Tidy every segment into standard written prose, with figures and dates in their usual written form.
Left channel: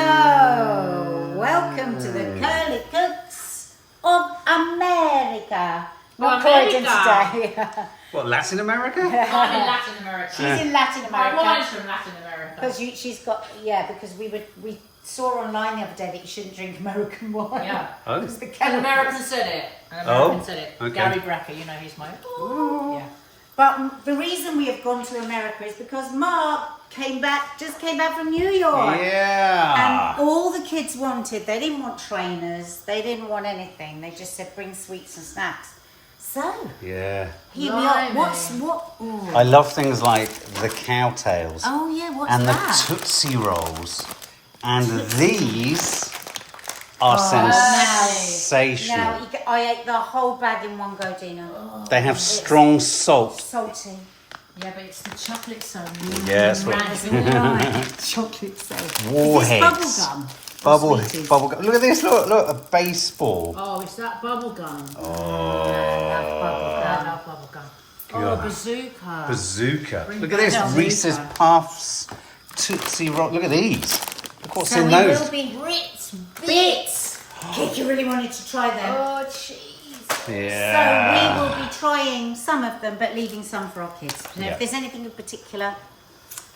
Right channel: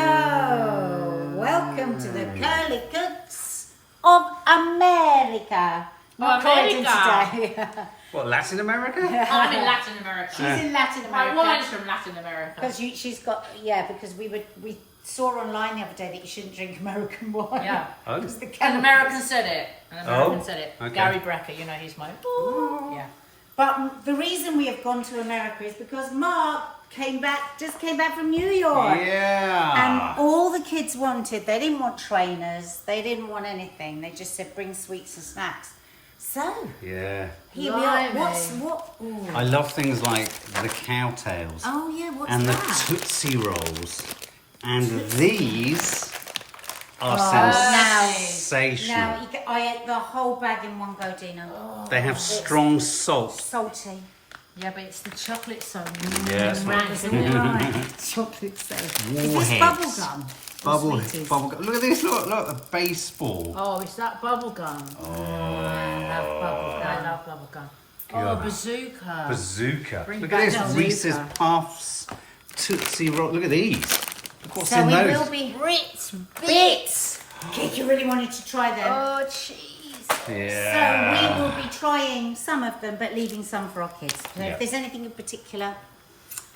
Hello, welcome to the Curly Cooks of America. Well, Recording America. today. What, Latin America? I'm in Latin America. She's in Latin My America. wine's from Latin America. Because she's got, because we saw online the other day that you shouldn't drink American wine. Yeah. Oh. Because the An chemicals. American said it. An American Oh, said it. okay. Gary Brecker, you know, he's my. Ooh. Yeah. But the reason we have gone to America is because Mark just came back from New York. Yeah. And all the kids wanted, they didn't want trainers, they didn't want anything. They just said bring sweets and snacks. So, Yeah. here we are. Blimey. Ooh. I love things like the cowtails Oh yeah, what's and the that? Tootsie Rolls. And these are sensational. Now, I ate the whole bag in one go, Dina. They have strong salt. Salty. Yeah, but it's the chocolate song. Yeah, that's what. That's all right. Chocolate so. Warheads. Is this bubble gum? Sweeties? Bubble gum. Look at this. Look, a baseball. Oh, is that bubble gum? I love bubble I gum. love bubble gum. God. Oh, bazooka. Bazooka. Bring Look at back this. bazooka. Reese's Puffs. Tootsie Roll. Look at these. Look what's So in we those. will be Ritz bits. Kiki really wanted to try them. Oh, cheese. Yeah. So we will be trying some of them, but leaving some for our kids. So Yeah. if there's anything in particular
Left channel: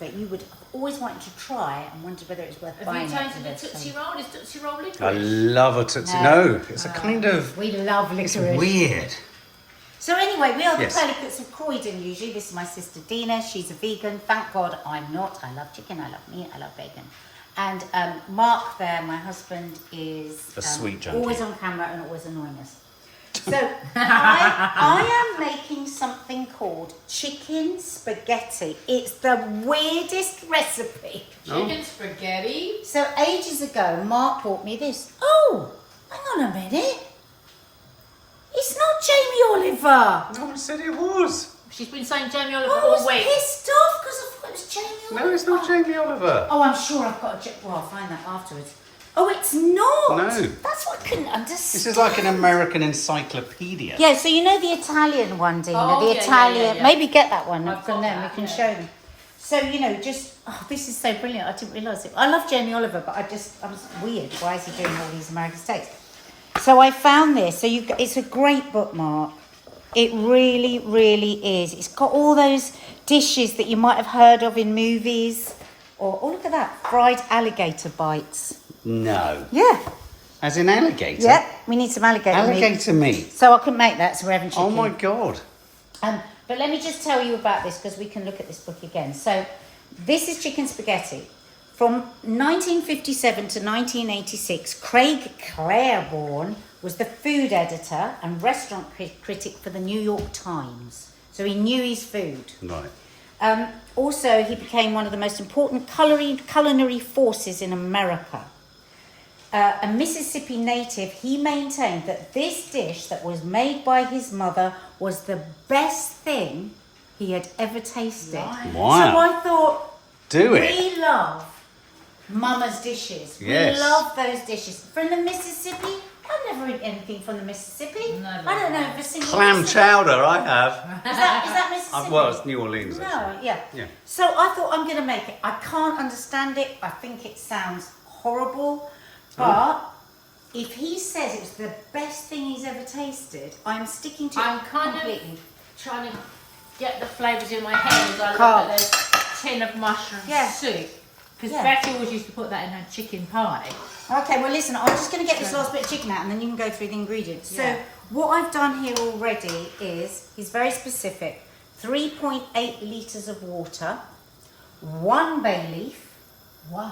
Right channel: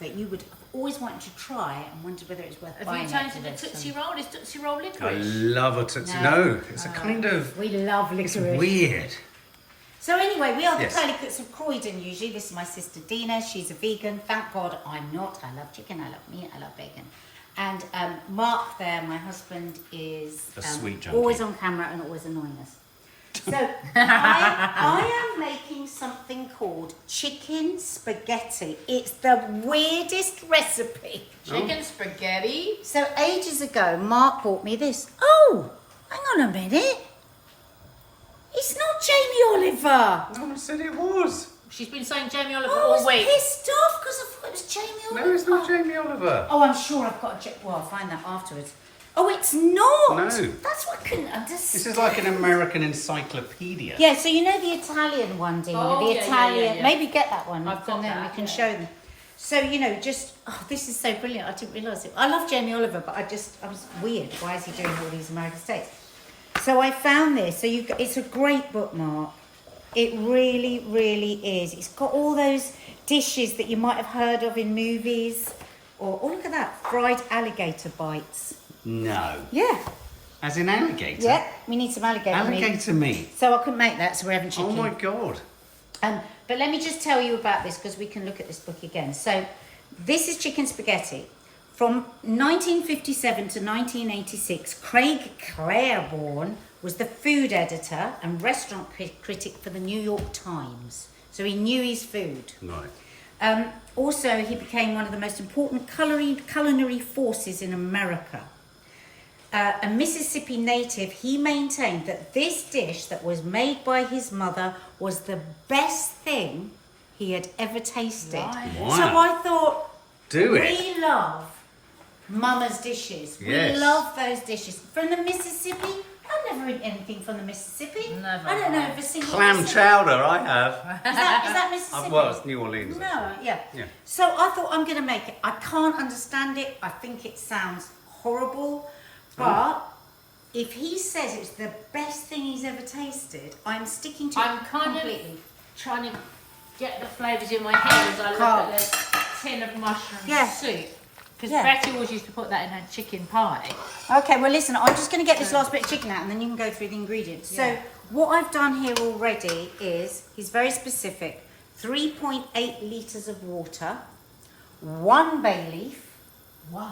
that you would have always wanted to try and wondered whether it was worth Have buying you it changed for the this Tootsie one. Roll? Is Tootsie Roll I licorice? love a Tootsie. No, it's a kind of. We love It's licorice. weird. So anyway, we are the Yes. Curly Cooks of Croydon usually. This is my sister Dina. She's a vegan. Thank God I'm not. I love chicken, I love meat, I love bacon. And Mark there, my husband, is A sweet junkie. always on camera and always annoying us. So I am making something called chicken spaghetti. It's the weirdest recipe. Chicken spaghetti. So ages ago, Mark bought me this. Oh, hang on a minute. It's not Jamie Oliver. No one said it was. She's been saying Jamie Oliver I all was week. pissed off because I thought it was Jamie Oliver. No, it's not Jamie Oliver. Oh, I'm sure I've got a... Well, I'll find that afterwards. Oh, it's not. No. That's what I couldn't understand. This is like an American encyclopedia. Yeah, so you know the Italian one, Dina? Oh, the yeah, Italian... yeah. Maybe get that one. I've got and then that, we can yeah. show them. So, you know, just... Oh, this is so brilliant. I didn't realise it. I love Jamie Oliver, but I was weird. Why is he doing all these American steaks? So I found this. So it's a great bookmark. It really, really is. It's got all those dishes that you might have heard of in movies. Or, oh, look at that. Fried alligator bites. No. Yeah. As in alligator? Yeah. We need some alligator meat. Alligator meat. So I couldn't make that, so we're having chicken. Oh my God. But let me just tell you about this because we can look at this book again. So this is chicken spaghetti. From 1957 to 1986, Craig Claiborne was the food editor and restaurant critic for the New York Times. So he knew his food. Right. Also, he became one of the most important culinary forces in America. A Mississippi native, he maintained that this dish that was made by his mother was the best thing he had ever tasted. Wow. So I thought, Do it. we love Mama's dishes. Yes. We love those dishes. From the Mississippi, I've never eaten anything from the Mississippi. Never. I don't know if a single Clam Mississippi- chowder, I have. Is that Mississippi? Well, it's New Orleans, No, actually. yeah. Yeah. So I thought I'm going to make it. I can't understand it. I think it sounds horrible. But if he says it's the best thing he's ever tasted, I'm sticking to I'm it kind completely. of trying to get the flavours in my head as I look Can't. at the tin of mushroom Yeah. soup. Because Yeah. Becky always used to put that in her chicken pie. Okay, well listen, I'm just going to get this last bit of chicken out and then you can go through the ingredients. Yeah. So what I've done here already is, he's very specific, 3.8 litres of water, 1 bay leaf, 1.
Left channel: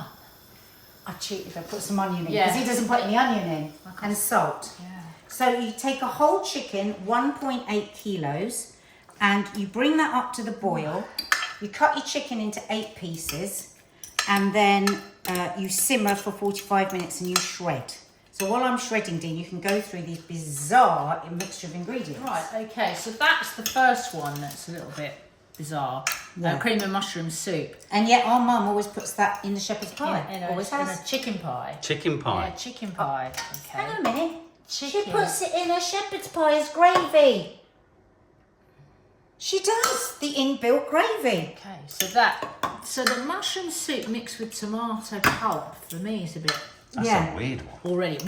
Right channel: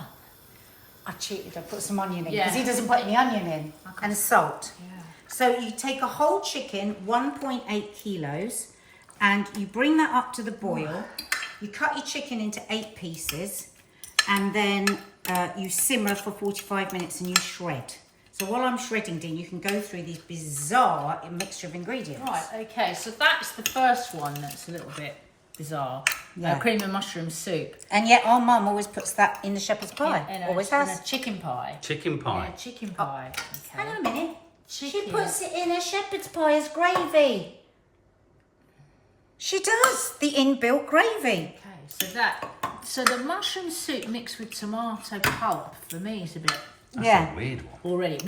I cheated, I put some onion in, because Yeah. he doesn't put any onion in, and salt. Yeah. So you take a whole chicken, 1.8 kilos, and you bring that up to the boil. You cut your chicken into 8 pieces, and then you simmer for 45 minutes and you shred. So while I'm shredding, Dean, you can go through this bizarre mixture of ingredients. Right, okay, so that's the first one that's a little bit bizarre. Yeah. Cream and mushroom soup. And yet our mum always puts that in the shepherd's pie. In Always a has. chicken pie. Chicken pie. Yeah, chicken pie. Okay. Hang on a minute. She Chicken. puts it in her shepherd's pie as gravy. She does. The inbuilt gravy. Okay, so that So the mushroom soup mixed with tomato pulp for me is a bit That's Yeah. a weird one. already.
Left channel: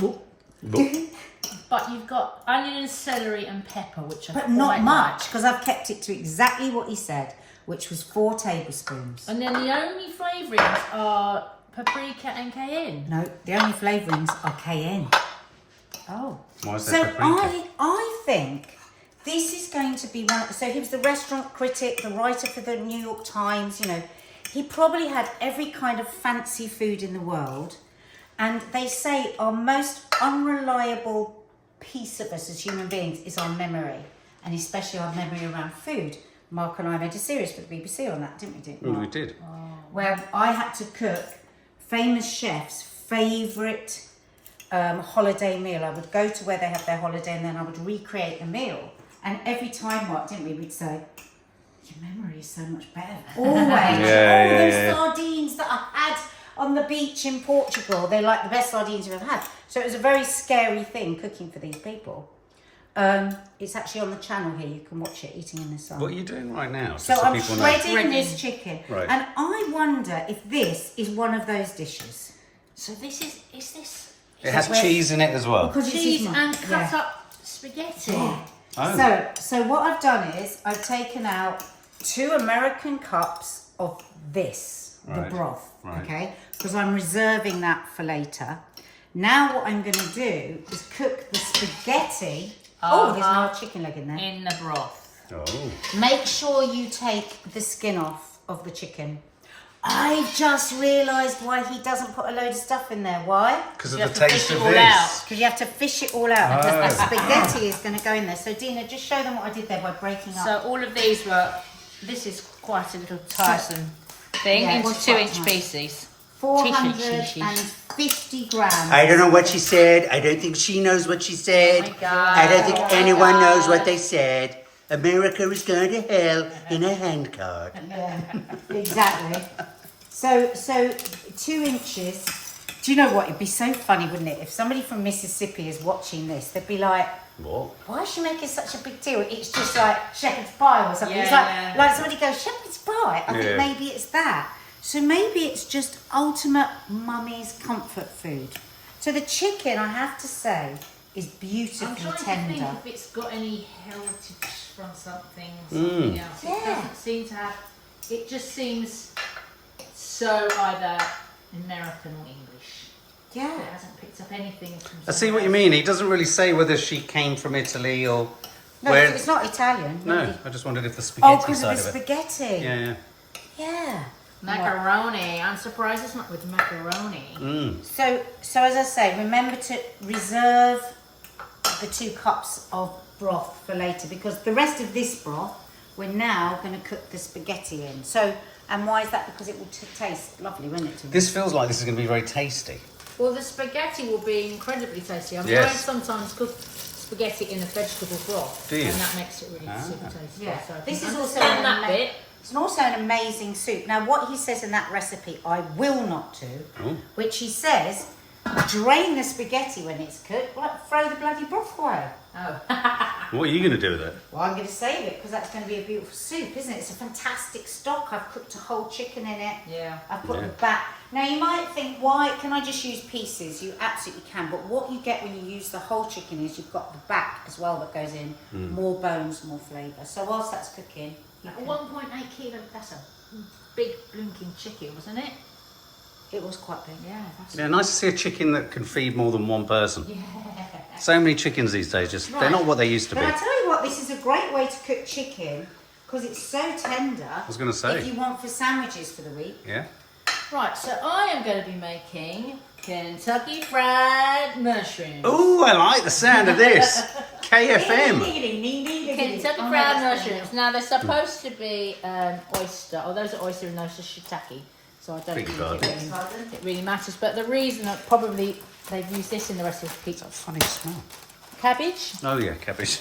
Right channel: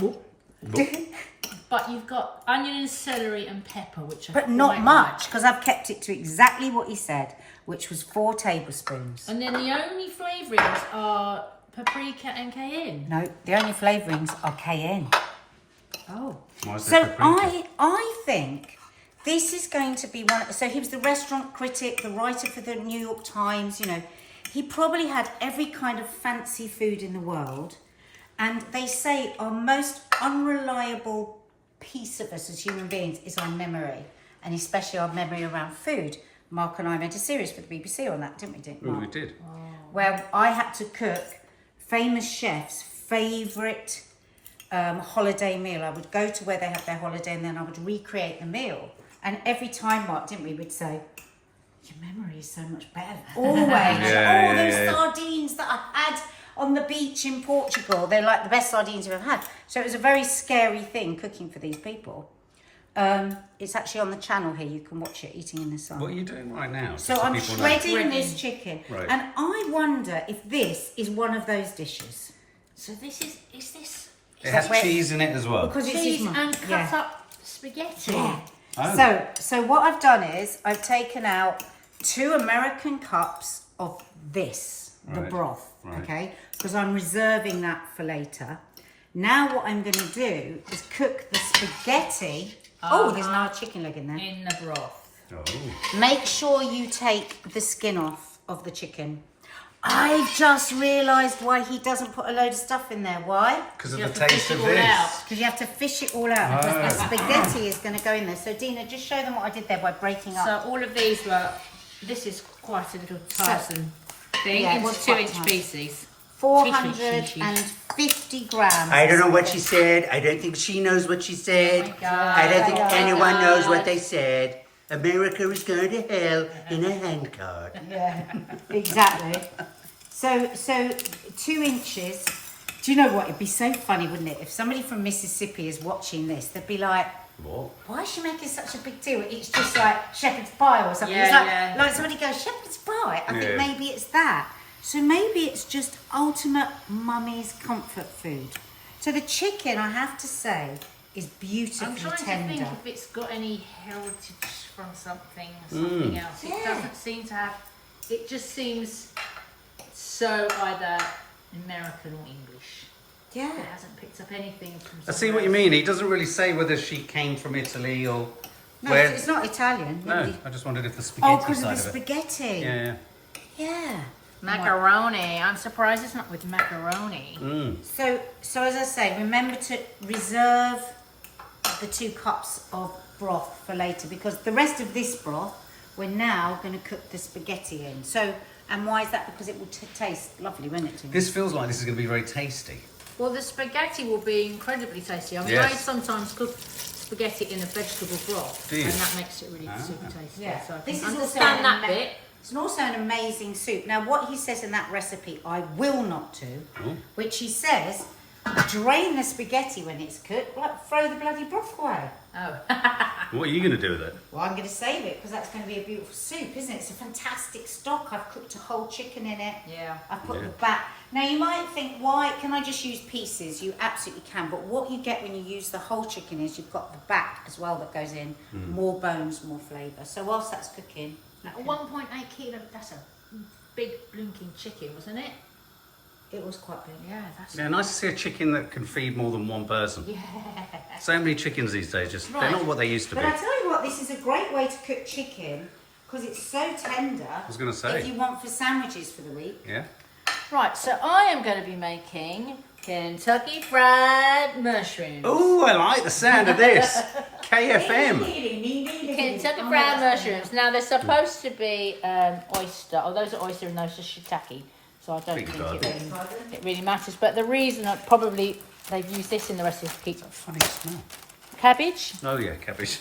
But you've got onion and celery and pepper, which I But not much, because I've kept it to exactly what he said, which was 4 tablespoons. And then the only flavourings are paprika and cayenne. No, the only flavourings are cayenne. Oh. Why is So there paprika? I think this is going to be one of, so he was the restaurant critic, the writer for the New York Times, you know. He probably had every kind of fancy food in the world. And they say our most unreliable piece of us as human beings is our memory, and especially our memory around food. Mark and I made a series for the BBC on that, didn't we, Mark? We did. Where I had to cook famous chefs' favourite holiday meal. I would go to where they have their holiday and then I would recreate the meal. And every time, Mark, didn't we, we'd say, your memory is so much better. Always. Those sardines that I had on the beach in Portugal, they're like the best sardines you've ever had. So it was a very scary thing cooking for these people. It's actually on the channel here. You can watch it, Eating in the Sun. What are you doing right now? So I'm shredding this chicken. Right. And I wonder if this is one of those dishes. So this is this It has cheese in it as well. Because it's cheese his mum. and cut up spaghetti. Yeah. Oh. So what I've done is I've taken out 2 American cups of this, the Right. broth, Right. okay? Because I'm reserving that for later. Now what I'm going to do is cook the spaghetti. Oh, there's no chicken leg in there. In the broth. Oh. Make sure you take the skin off of the chicken. I just realised why he doesn't put a load of stuff in there. Why? Because of You the have to taste fish of it all this. out. Because you have to fish it all out. Because the spaghetti is going to go in there. So Dina, just show them what I did there by breaking up. So all of these were, this is quite a little tiresome thing, Yeah, it into was 2-inch quite pieces. 450 grams. I don't know what she said. I don't think she knows what she said. Oh my God. I don't think Oh my anyone knows God. what they said. America is going to hell in a handcart. Yeah, exactly. So 2 inches. Do you know what? It'd be so funny, wouldn't it? If somebody from Mississippi is watching this, they'd be like, What? why is she making such a big deal? It's just like shepherd's pie or something. Yeah, It's like, yeah. like somebody goes, shepherd's pie. I think Yeah. maybe it's that. So maybe it's just ultimate mummy's comfort food. So the chicken, I have to say, is I'm beautifully trying to tender. think if it's got any heritage from something or something else. It Yeah. doesn't seem to have, it just seems so either American or English. Yeah. It hasn't picked up anything from I see what you mean. He doesn't really say whether she came from Italy or No, where. it's not Italian. No, really. I just wondered if the spaghetti Oh, because side of the of it. spaghetti. Yeah, Yeah. Macaroni. I'm surprised it's not with macaroni. yeah. So as I say, remember to reserve the 2 cups of broth for later, because the rest of this broth we're now going to cook the spaghetti in. So, and why is that? Because it will taste lovely, won't it? This feels like this is going to be very tasty. Well, the spaghetti will be incredibly tasty. I mean, Yes. I sometimes cook spaghetti in a vegetable broth, Do you? and that makes it really super tasty. Yeah. So I This can is also understand an that bit. It's also an amazing soup. Now, what he says in that recipe, I will not do, Oh. which he says, drain the spaghetti when it's cooked, like throw the bloody broth away. Oh, What are you going to do with it? Well, I'm going to save it because that's going to be a beautiful soup, isn't it? It's a fantastic stock. I've cooked a whole chicken in it. yeah. I've put Yeah. the back. Now, you might think, why can I just use pieces? You absolutely can. But what you get when you use the whole chicken is you've got the back as well that goes in. More bones, more flavour. So whilst that's cooking... At 1.8 kilo, that's a big blinking chicken, wasn't it? It was quite big. Yeah, that's Yeah, nice to see a chicken that can feed more than one person. yeah. So many chickens these days, just they're Right. not what they used to be. But I tell you what, this is a great way to cook chicken because it's so tender. I was gonna say. If you want for sandwiches for the week. Yeah. Right, so I am going to be making Kentucky Fried Mushrooms. Oh, I like the sound of this. KFM. Kentucky Oh my Fried God. Mushrooms. Now, they're supposed to be oyster. Oh, those are oyster and those are shiitake. So I don't Beg think your it really matters. But the reason that probably they've used this in the recipe, Funny smell. cabbage. Oh yeah, cabbage.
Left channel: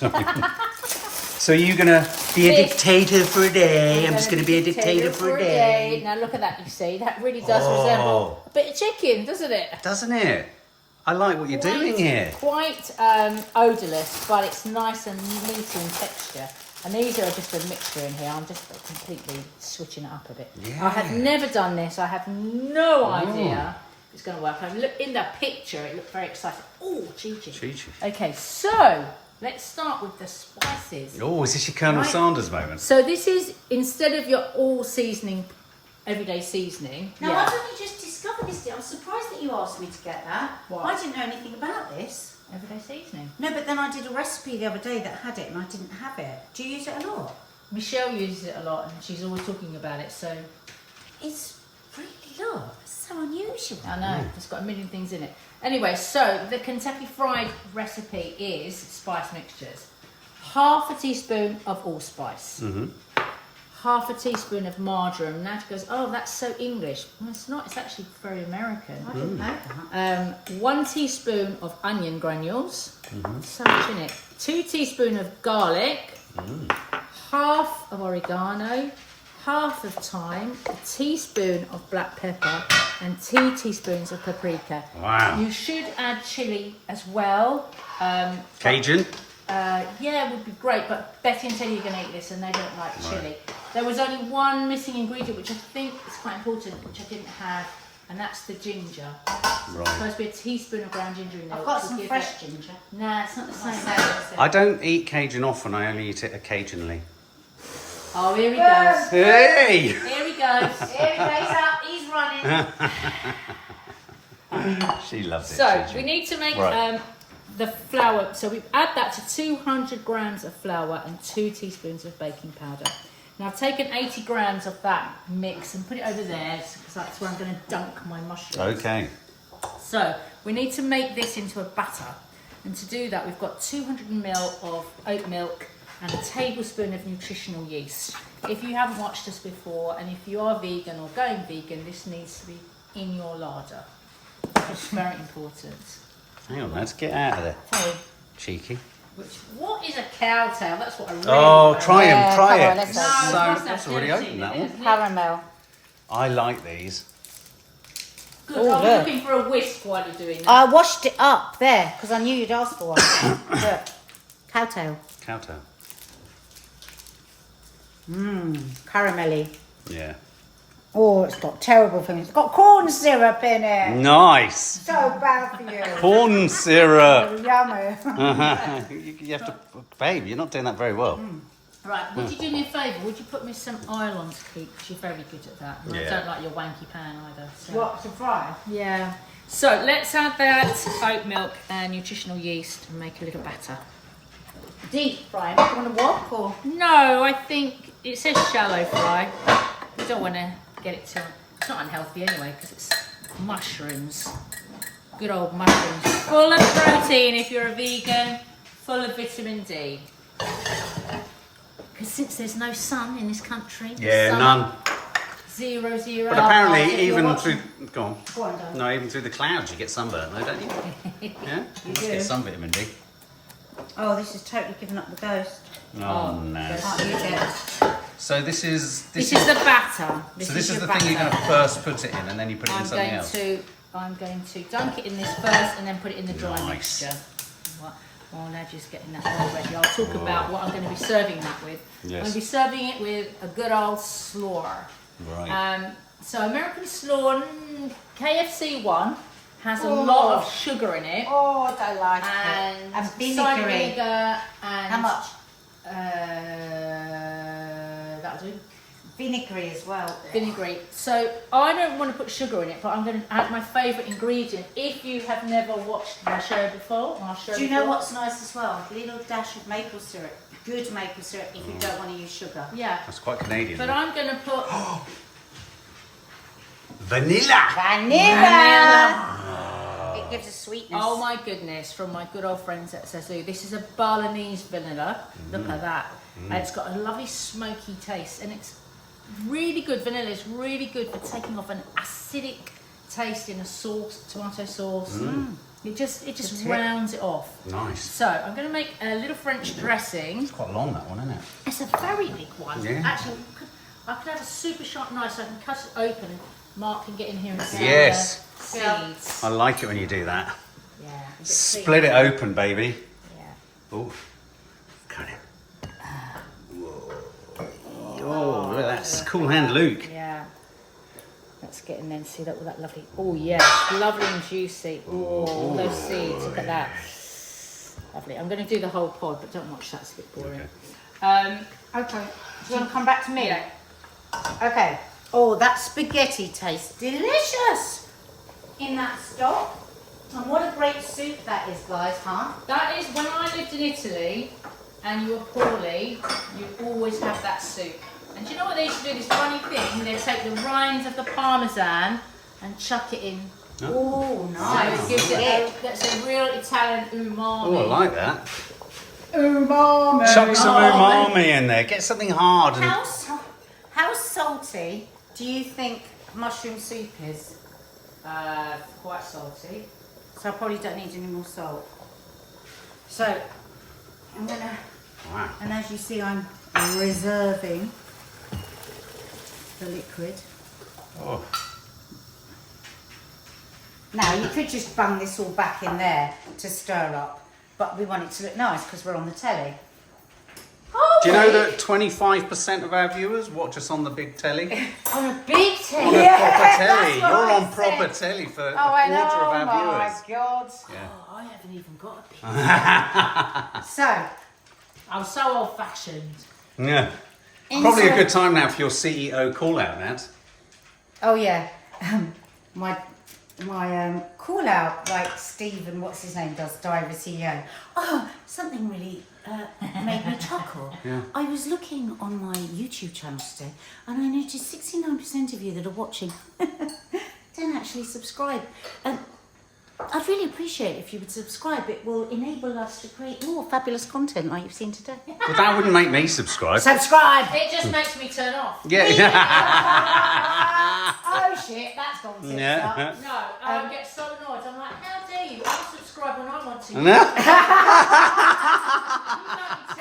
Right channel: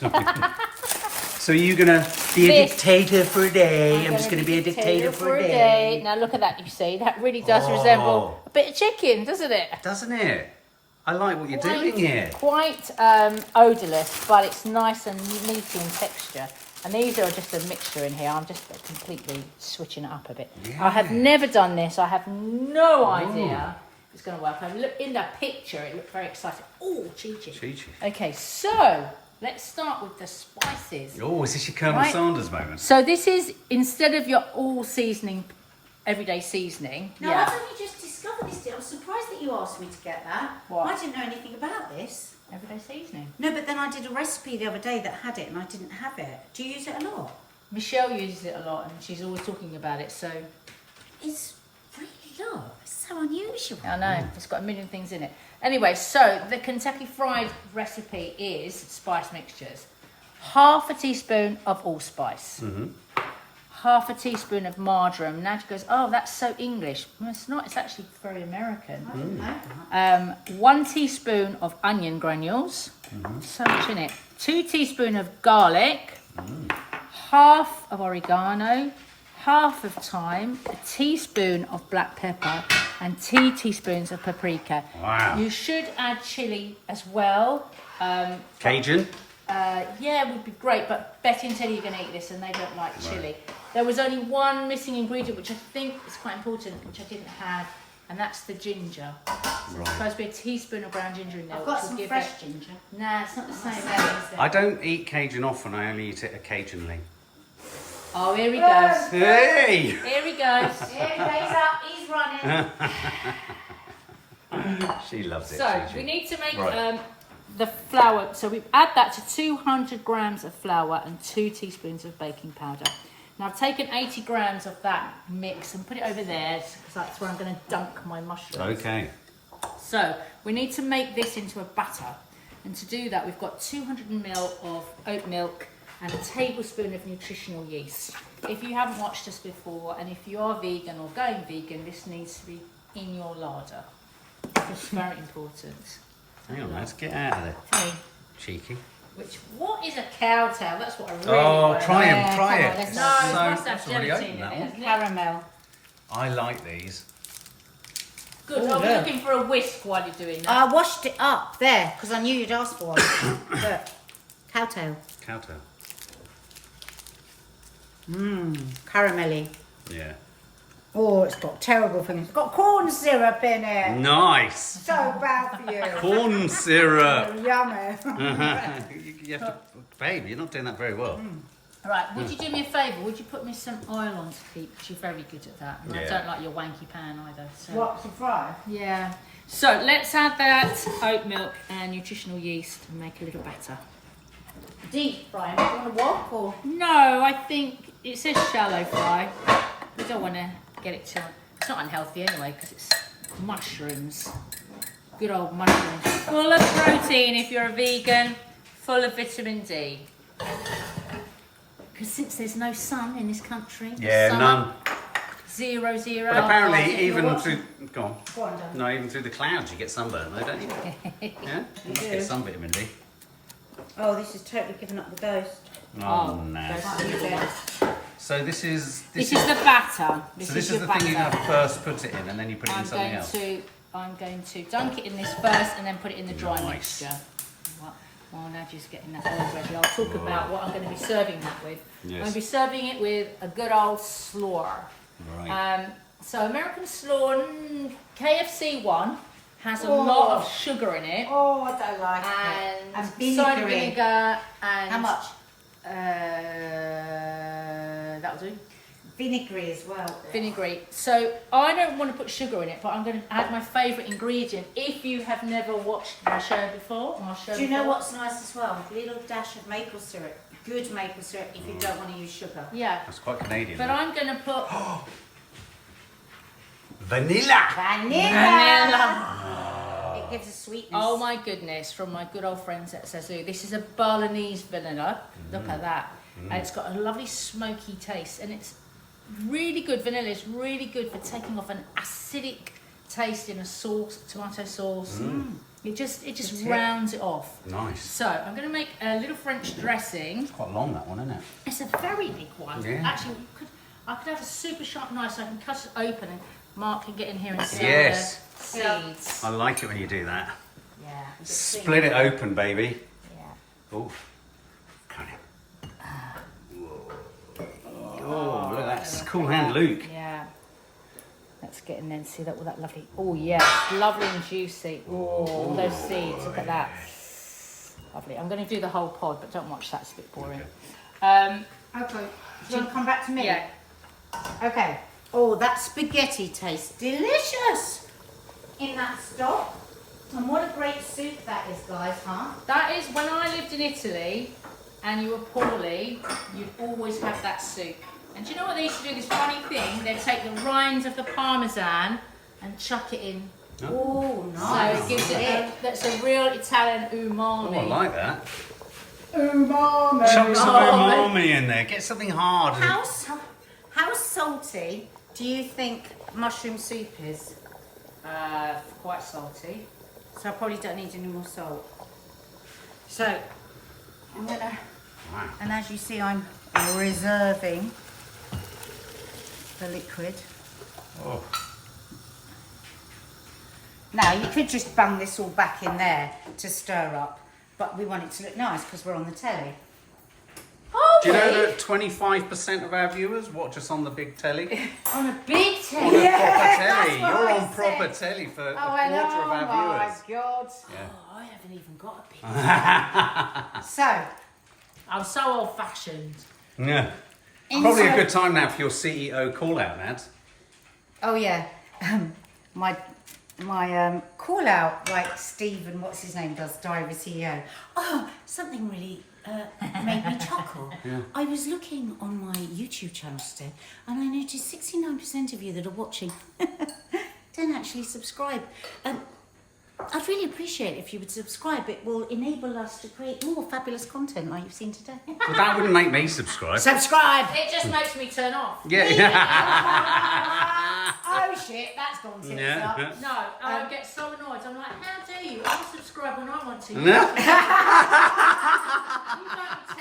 So you're gonna Be a This- dictator for a day. I'm gonna just going to be a dictator for a day. Now look at that, you see, that really does Oh. resemble a bit of chicken, doesn't it? doesn't it? I like what you're doing here. Quite odourless, but it's nice and meaty in texture. And these are just a mixture in here. I'm just completely switching it up a bit. Yeah. I have never done this. I have no idea it's going to work. I look in the picture. It looked very exciting. Oh, Chi-Chi. Okay, so let's start with the spices. Oh, is this your Colonel Right. Sanders moment? So this is, instead of your all seasoning, everyday seasoning. No, I've only just discovered this. I'm surprised that you asked me to get that. What? I didn't know anything about this. Everyday seasoning. No, but then I did a recipe the other day that had it and I didn't have it. Do you use it a lot? Michelle uses it a lot and she's always talking about it, so It's really lot. It's so unusual. I know, it's got a million things in it. Anyway, so the Kentucky Fried recipe is spice mixtures. Half a teaspoon of allspice. Half a teaspoon of marjoram. Now she goes, oh, that's so English. Well, it's not, it's actually very American. I didn't know that. 1 teaspoon of onion granules. So much in it. 2 teaspoons of garlic. Half of oregano. Half of thyme. A teaspoon of black pepper. And 2 teaspoons of paprika. Wow. You should add chili as well. Cajun? Yeah, it would be great, but Betty and Teddy are going to eat this and they don't like chili. There was only one missing ingredient, which I think is quite important, which I didn't have, and that's the ginger. Right. It's supposed to be a teaspoon of ground ginger in there. I've got which will some give fresh it... ginger. Nah, it's not the same. I don't eat Cajun often, I only eat it occasionally. Oh, here he goes. Hey! Here he goes. Here he goes up. He's running. She loves it. So, Gigi. we need to make Right. the flour. So, we add that to 200 grams of flour and 2 teaspoons of baking powder. Now, I've taken 80 grams of that mix and put it over there because that's where I'm going to dunk my mushrooms. Okay. So, we need to make this into a batter. And to do that, we've got 200 ml of oat milk and a tablespoon of nutritional yeast. If you haven't watched us before, and if you are vegan or going vegan, this needs to be in your larder. It's very important. Hang on, let's get out of there. So, Cheeky. what is a cow tail? That's what I really Oh, want. try Yeah, them, try come on, it. let's It's open it. so, Must have that's already tempting, open, that isn't one. it? Caramel. I like these. Good. Oh, I was look. looking for a whisk while you're doing that. I washed it up there because I knew you'd ask for one. Look, cowtail. Cowtail. Caramelly. Yeah. Oh, it's got terrible things. It's got corn syrup in it. Nice. So bad for you. Corn syrup. Yummy. You have to, babe, you're not doing that very well. Right, would you do me a favour? Would you put me some oil on to keep? Because you're very good at that. And I Yeah. don't like your wanky pan either. So. What, to fry? Yeah. So let's add that oat milk and nutritional yeast and make a little batter. Deep fry. Do you want to wok or? No, I think it says shallow fry. We don't want to get it too... It's not unhealthy anyway because it's mushrooms. Good old mushrooms. Full of protein if you're a vegan. Full of vitamin D. Because since there's no sun in this country... Yeah, summer, none. 0, 0. But apparently, if you're even watching- through... Go on. Go on, darling. No, even through the clouds you get sunburn, though, don't you? Yeah? You must do. get some vitamin D. Oh, this is totally giving up the ghost. Oh, no. Can't use it. So this is... This is the batter. So this is your the thing you're going batter. to first put it in and then you put it in something else. I'm going to dunk it in this first and then put it in the dry Nice. mixture. While Nadja's getting that all ready, I'll talk about what I'm going to be serving that with. I'm Yes. going to be serving it with a good old slaw. Right. So American slaw, KFC one has a lot of sugar in it. Oh, I don't like And, And cider vinegary. vinegar and How much? That'll do. Vinegary as well. Vinegary. So I don't want to put sugar in it, but I'm going to add my favourite ingredient. If you have never watched my show before, Do you know what's nice as well? A little dash of maple syrup. Good maple syrup if you don't want to use sugar. Yeah. That's quite Canadian. But though. I'm going to put Vanilla! vanilla. It gives a sweetness. Oh my goodness, from my good old friends at Sazu. This is a Balinese vanilla. Look at that. And it's got a lovely smoky taste. And it's really good. Vanilla is really good for taking off an acidic taste in a sauce, tomato sauce. It just rounds it off. Nice. So I'm going to make a little French dressing. It's quite long, that one, isn't it? It's a very big one. Yeah. Actually, I could have a super sharp knife so I can cut it open and Mark can get in here and see Yes. the seeds. I like it when you do that. Yeah. a bit Split it open, baby. Yeah. Oh, come in. Oh, look at that. It's cool hand Luke. Yeah. Let's get in there and see that with that lovely. Oh yeah, lovely and juicy. Oh, those seeds. Look at that. Lovely. I'm going to do the whole pod, but don't watch that. It's a bit boring. Okay. Do you want to come back to me? Yeah. Okay. Oh, that spaghetti tastes delicious in that stock. And what a great soup that is, guys, huh? That is when I lived in Italy and you were poorly, you'd always have that soup. And do you know what they used to do? This funny thing, they'd take the rinds of the parmesan and chuck it in. Oh, So nice. it gives it that's a real Italian umami. Oh, I like that. Umami. Chuck some umami in there. Get something hard. And... How salty do you think mushroom soup is? Quite salty. So I probably don't need any more salt. So I'm gonna, Wow. and as you see, I'm reserving the liquid. Oh. Now you could just bung this all back in there to stir up, but we want it to look nice because we're on the telly. Do you know that 25% of our viewers watch us on the big telly? On a big telly. On a Yeah, proper that's telly. what You're I on proper said. telly for a Oh, I know. quarter of our Oh viewers. my God. Yeah. Oh, I haven't even got a bit. So, I'm so old fashioned. Yeah. Probably a inside- good time now for your CEO call out, Nat. Oh yeah, my call out, like Stephen, what's his name, does Diary CEO. Oh, something really made me chuckle. Yeah. I was looking on my YouTube channel today, and I noticed 69% of you that are watching don't actually subscribe. I'd really appreciate it if you would subscribe. It will enable us to create more fabulous content like you've seen today. Well, that wouldn't make me subscribe. Subscribe! It just makes me turn off. Yeah. Oh shit, that's gone tits Yeah. up. No, I get so annoyed. I'm like, how dare you? I'll subscribe when I want to. You No. don't be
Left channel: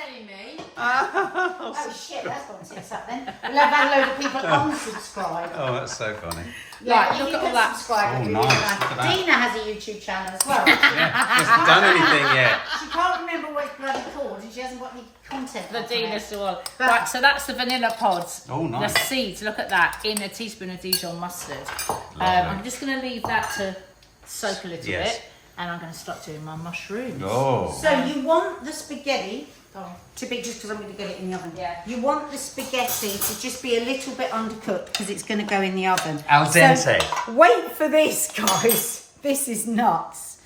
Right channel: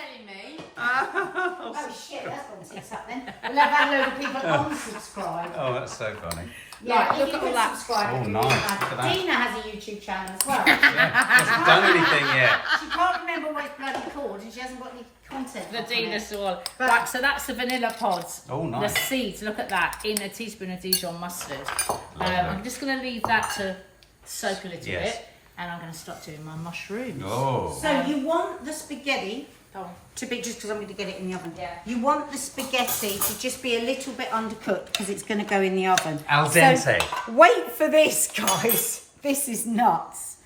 telling me. Oh shit, that's gone tits up then. We'll have a load of people unsubscribe. Oh, that's so funny. Right, you look at can all that. subscribe, Oh, it'd be nice. really Look at that. Dina has a YouTube channel as well. Yeah. Hasn't done anything yet. She can't remember what it's bloody called and she hasn't got any content. The on it. Dina Sawalha. Right, so that's the vanilla pods. Oh, nice. The seeds, look at that, in a teaspoon of Dijon mustard. I'm just going to leave that to soak a little Yes. bit, and I'm going to start doing my mushrooms. Oh. So you want the spaghetti Oh. to be, just because I'm going to get it in the oven. Yeah. You want the spaghetti to just be a little bit undercooked because it's going to go in the oven. Al dente. So wait for this, guys. This is nuts.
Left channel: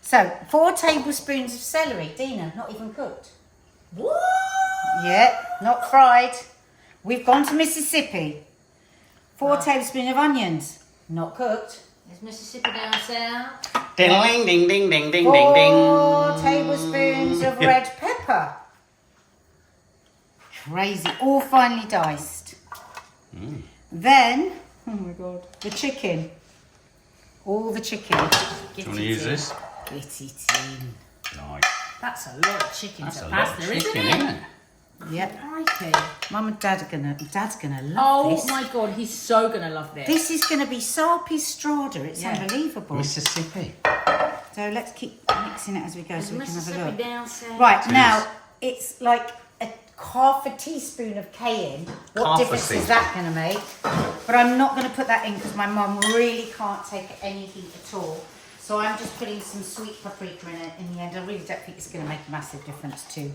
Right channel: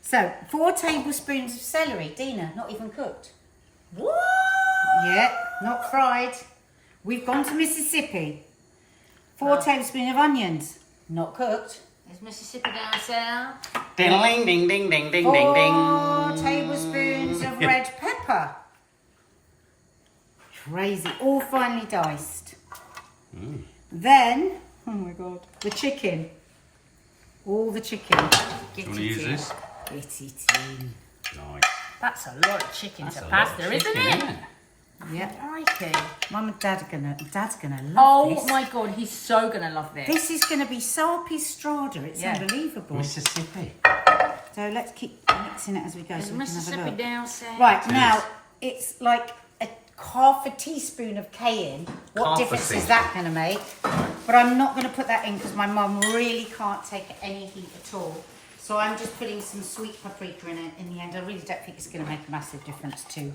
So 4 tablespoons of celery. Dina, not even cooked. What? Yeah, not fried. We've gone to Mississippi. 4 tablespoons of onions. Not cooked. Is Mississippi down south? Ding, ding, ding, ding, ding, ding, 4 ding. tablespoons of red pepper. Crazy. All finely diced. Then, oh my God, the chicken. All the chicken. Do you want to use this? Get it in. Nice. That's a lot of chicken That's to a lot pasta, of chicken, isn't it? isn't it? Yep. Crikey. Mum and Dad are gonna love Oh this. my God, he's so going to love this. This is gonna be Sarpi strata. It's Yeah. unbelievable. Mississippi. So let's keep mixing it as we go so we can have a Mississippi look. down south. Right, Cheers. now it's like half a teaspoon of cayenne. What Half a difference is teaspoon. that going to make? But I'm not going to put that in because my mum really can't take any heat at all. So I'm just putting some sweet paprika in it in the end. I really don't think it's going to make a massive difference to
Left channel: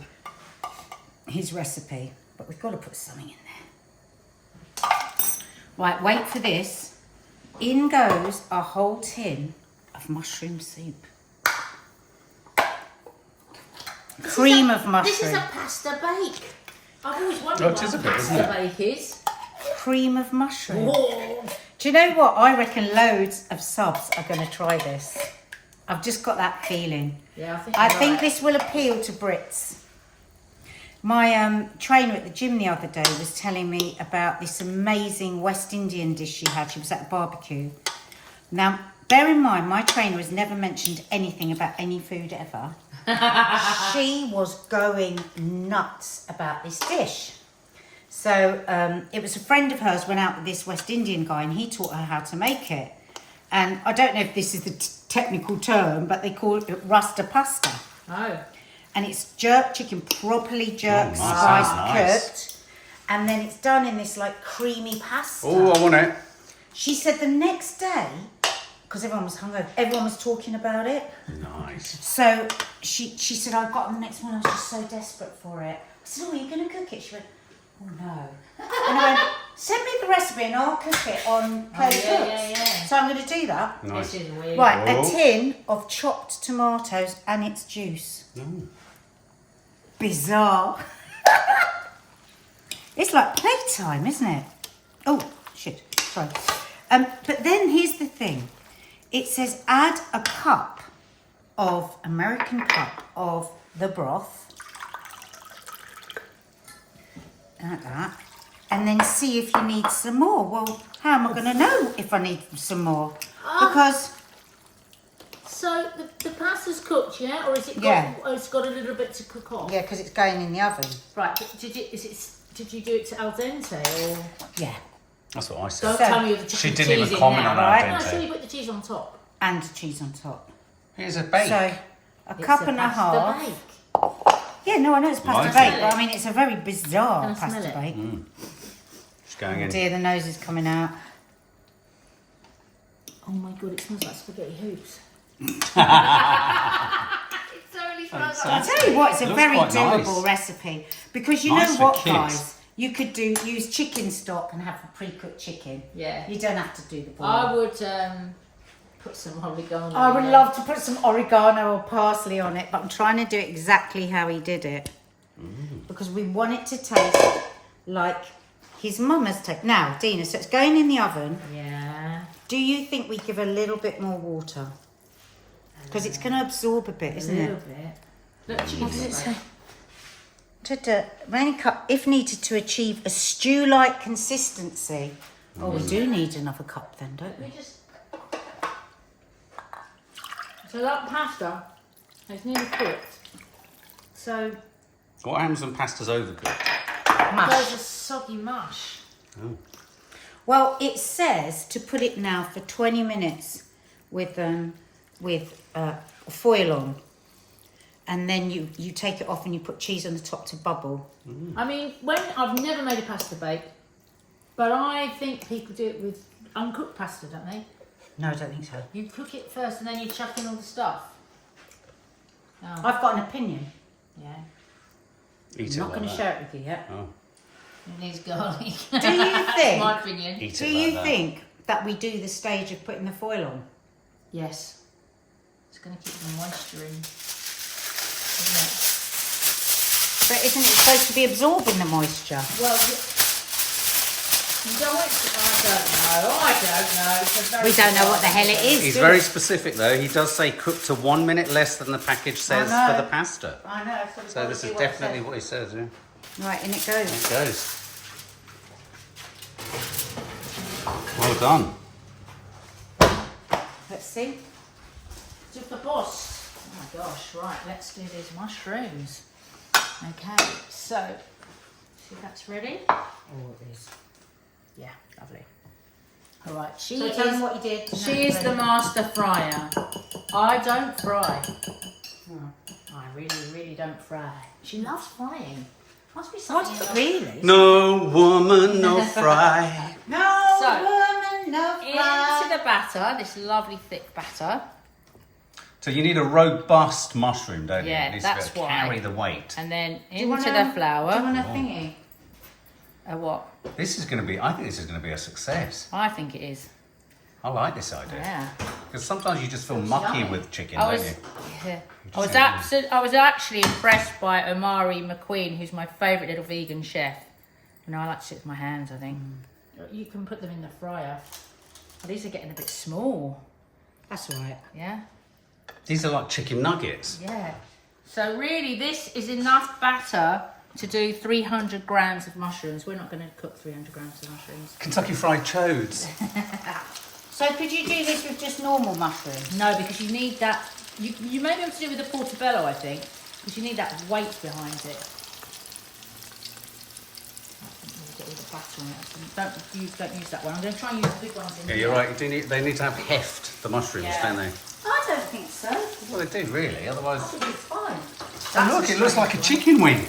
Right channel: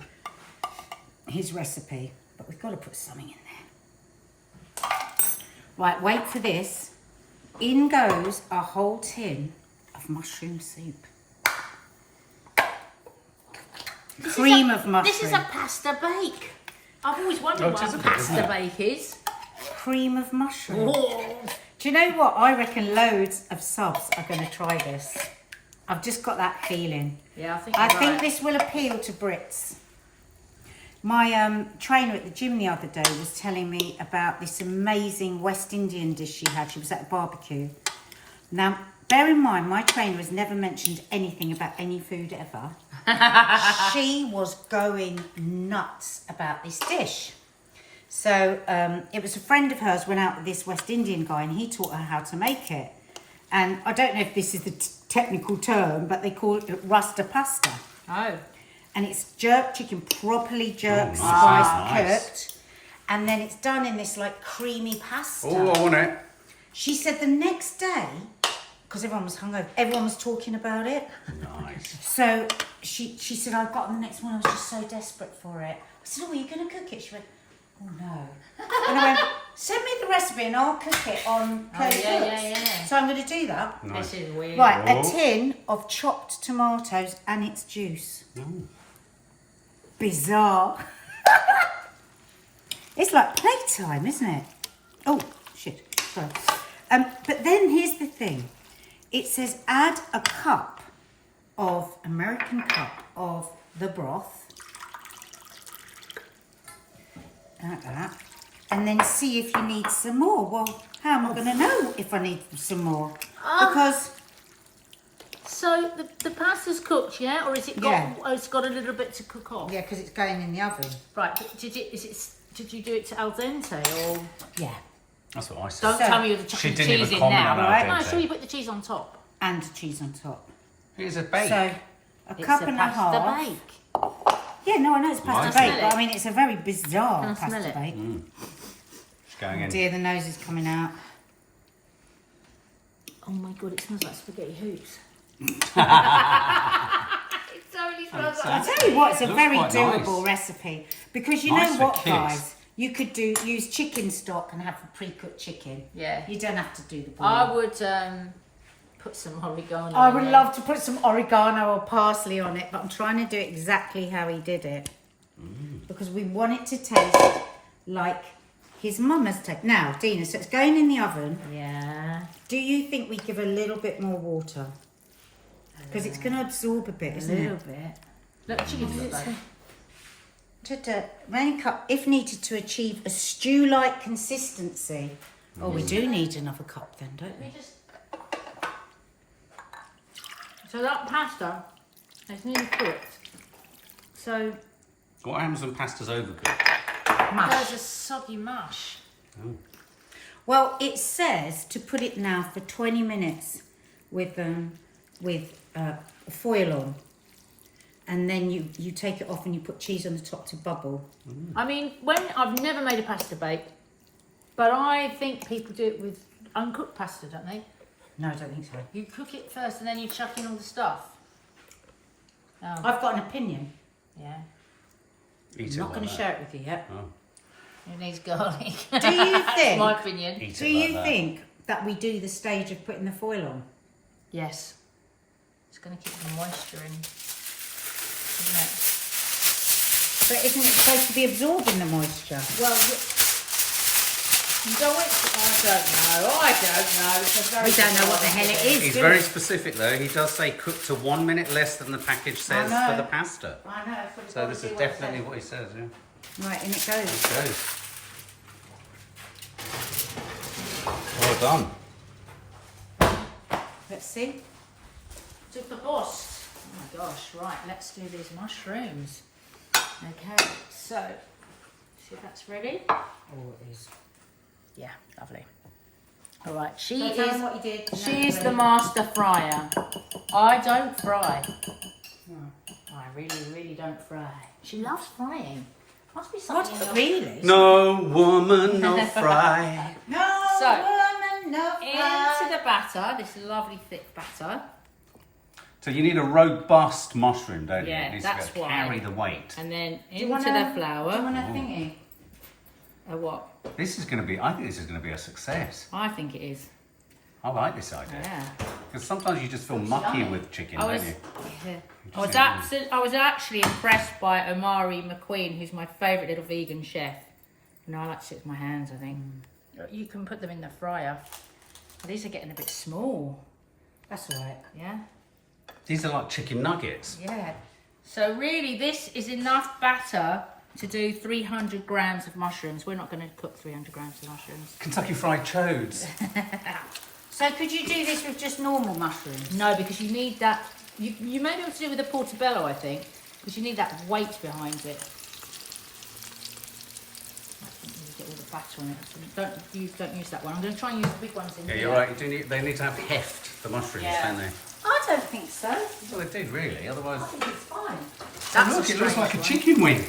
his recipe. But we've got to put something in there. Right, wait for this. In goes a whole tin of mushroom soup. Cream of mushroom. This is a pasta bake. I've always wondered Oh, what it is a a bit, isn't pasta it? bake is. Cream of mushroom. Whoa. Do you know what? I reckon loads of subs are going to try this. I've just got that feeling. Yeah, I you're think right. this will appeal to Brits. My trainer at the gym the other day was telling me about this amazing West Indian dish she had. She was at a barbecue. Now, bear in mind, my trainer has never mentioned anything about any food ever. She was going nuts about this dish. So it was a friend of hers went out with this West Indian guy and he taught her how to make it. And I don't know if this is the technical term, but they call it rasta pasta. Oh. And it's jerk chicken, properly jerked, Oh, nice. spiced, Nice. cooked. and then it's done in this like creamy pasta. Oh, I want it. She said the next day, because everyone was hungover, everyone was talking about it. Nice. So she said, I got on the next one, I was just so desperate for it. I said, oh, are you going to cook it? She went, oh no. And I went, send me the recipe and I'll cook it on Play Cooks. Yeah. So I'm going to do that. Nice. This is weird. Right, Oh. a tin of chopped tomatoes and its juice. No. Bizarre. It's like playtime, isn't it? Oh, shit. Sorry. But then here's the thing. It says add a American cup of the broth. Like that. And then see if you need some more. Well, how am I going to know if I need some more? Because... So the pasta's cooked, yeah? Or is it got, Yeah. it's got a little bit to cook off? Yeah, because it's going in the oven. Right, but did you do it to al dente or? Yeah. That's what I said. Don't So- tell me you're the She chicken didn't cheese even in comment now, on right? al No, dente. sure you put the cheese on top. And cheese on top. Here's a bake. So, a It's cup a and a pasta half. bake. Yeah, no, I know it's pasta Nice. bake, but I mean, it's a very bizarre Can I smell pasta it? bake. It's going Oh in. dear, the nose is coming out. Oh my god, it smells like spaghetti hoops. It totally smells I like. tell you what, it's a Looks very quite doable nice. recipe. Because you Nice know for what, kids. guys? You could use chicken stock and have a pre-cooked chicken. Yeah. You don't have to do the boil. I would put some oregano. I would in love to put some oregano or parsley on it, but I'm trying to do it exactly how he did it. Because we want it to taste like his mum has taken. Now, Dina, so it's going in the oven. there. Yeah. Do you think we give a little bit more water? Because it's going to absorb a bit, A isn't little it? bit. Look, chicken's not bad. Rain cup, if needed to achieve a stew-like consistency. Oh, we do need another cup then, don't we? Let me just. So that pasta is nearly cooked. So What happens when pasta's overcooked? there's a soggy mush. Oh. Well, it says to put it now for 20 minutes with foil on. And then you take it off and you put cheese on the top to bubble. I mean, I've never made a pasta bake, but I think people do it with uncooked pasta, don't they? No, I don't think so. You cook it first and then you chuck in all the stuff. Oh, I've got an opinion. yeah. Eat I'm it not like going to that. share it with you yet. Oh. It needs garlic. Do you think? My opinion. Eat Do it like you that. think that we do the stage of putting the foil on? Yes. It's going to keep the moisture in, isn't it? But isn't it supposed to be absorbing the moisture? Well, you don't want it to, I don't know. It's a very We don't know what the hell it is. He's do very we? specific though. He does say cook to 1 minute less than the package says know. for the pasta. I know. So this is definitely what he says, yeah. Right, in it goes. It goes. Well done. Let's see. Super boss. Oh my gosh, right, let's do these mushrooms. Okay, so, see if that's ready? Oh, it is. Yeah, lovely. All right, she So tell them is, what you did. she is the master fryer. I don't fry. I really, really don't fry. She loves frying. Must be something. What? Really? No woman, no fry. No So, woman, no Into fry. the batter, this lovely thick batter. So you need a robust mushroom, don't you? Yeah, It needs that's to be able to why. carry the weight. And then Do you into wanna- the Do you flour. want a thingy? What? This is going to be, I think this is going to be a success. I think it is. I like this idea. Yeah. Because sometimes you just feel mucky with chicken, I don't was, you? yeah. I was actually impressed by Omari McQueen, who's my favourite little vegan chef. You know, I like to sit with my hands, I think. You can put them in the fryer. Oh, these are getting a bit small. That's all right. Yeah? These are like chicken nuggets. Yeah. So really, this is enough batter to do 300 grams of mushrooms. We're not going to cook 300 grams of mushrooms. Kentucky Fried Chodes. So could you do this with just normal mushrooms? No, because you need that. You may be able to do it with a portobello, I think, because you need that weight behind it. I think we'll get all the batter on it. Don't use that one. I'm going to try and use the big ones in Yeah, here. you're right. They need to have heft, the mushrooms, Yeah. don't they? I don't think so. Well, they do, really. Otherwise... I think it's fine. Oh, look, it looks like a chicken wing.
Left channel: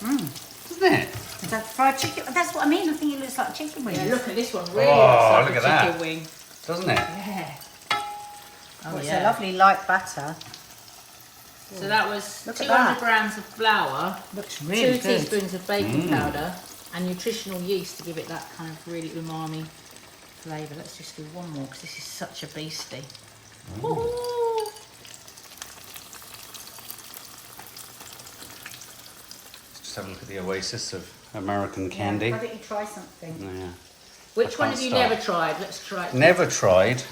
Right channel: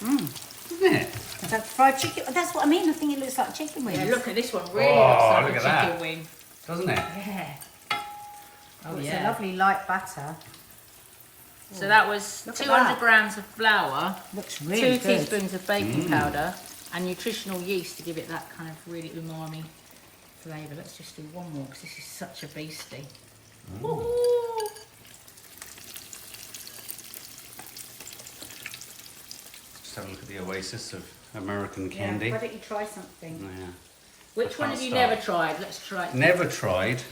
Doesn't it? Is that fried chicken? That's what I mean. I think it looks like chicken wings. Yeah, look at this one. Really Oh, looks look like at a chicken that. wing. Doesn't it? Yeah. Oh, It's yeah. a lovely light batter. So that was Look at 200 that. grams of flour, Looks really 2 good. teaspoons of baking powder, and nutritional yeast to give it that kind of really umami flavour. Let's just do one more because this is such a beastie. Ooh. Just have a look at the oasis of American Yeah, candy. why don't you try something? Yeah. Which I one can't have you start. never tried? Let's try it. Never tried.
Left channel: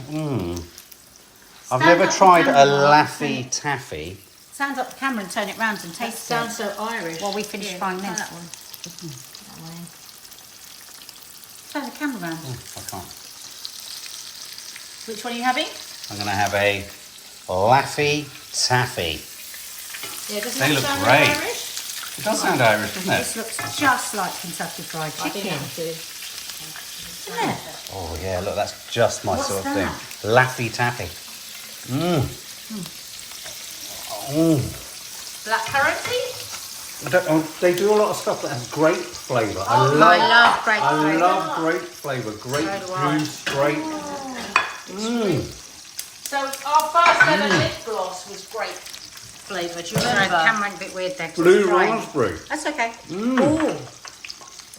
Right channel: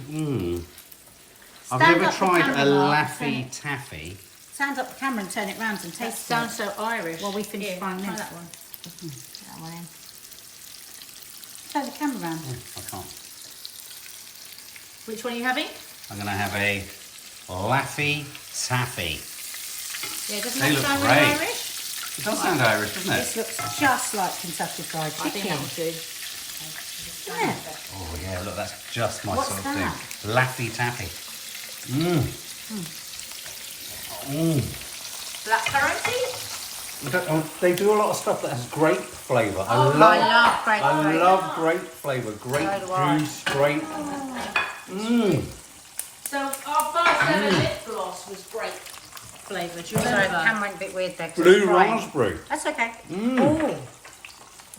I've Stand never up the tried a camera. Laffy Taffy. Stand up the camera and turn it round and That taste it. sounds so Irish. While we finish Here, frying try this. that one. Put that one in. Turn the camera round. I can't. Which one are you having? I'm going to have a Laffy Taffy. Yeah, doesn't They that look sound great. Irish? It does sound Irish, doesn't This it? looks just like Kentucky Fried I think Chicken. that too. Isn't it? Oh yeah, look, that's just my What's sort of that? thing. Laffy Taffy. Black currency? They do a lot of stuff that has grape flavour. I love grape I flavour. love grape flavour. Grape So do I. juice, grape. So our first ever lip gloss was grape flavour. Do you Sorry, the remember? camera went a bit weird there. 'cause Blue it's drying. raspberry. That's okay. Ooh,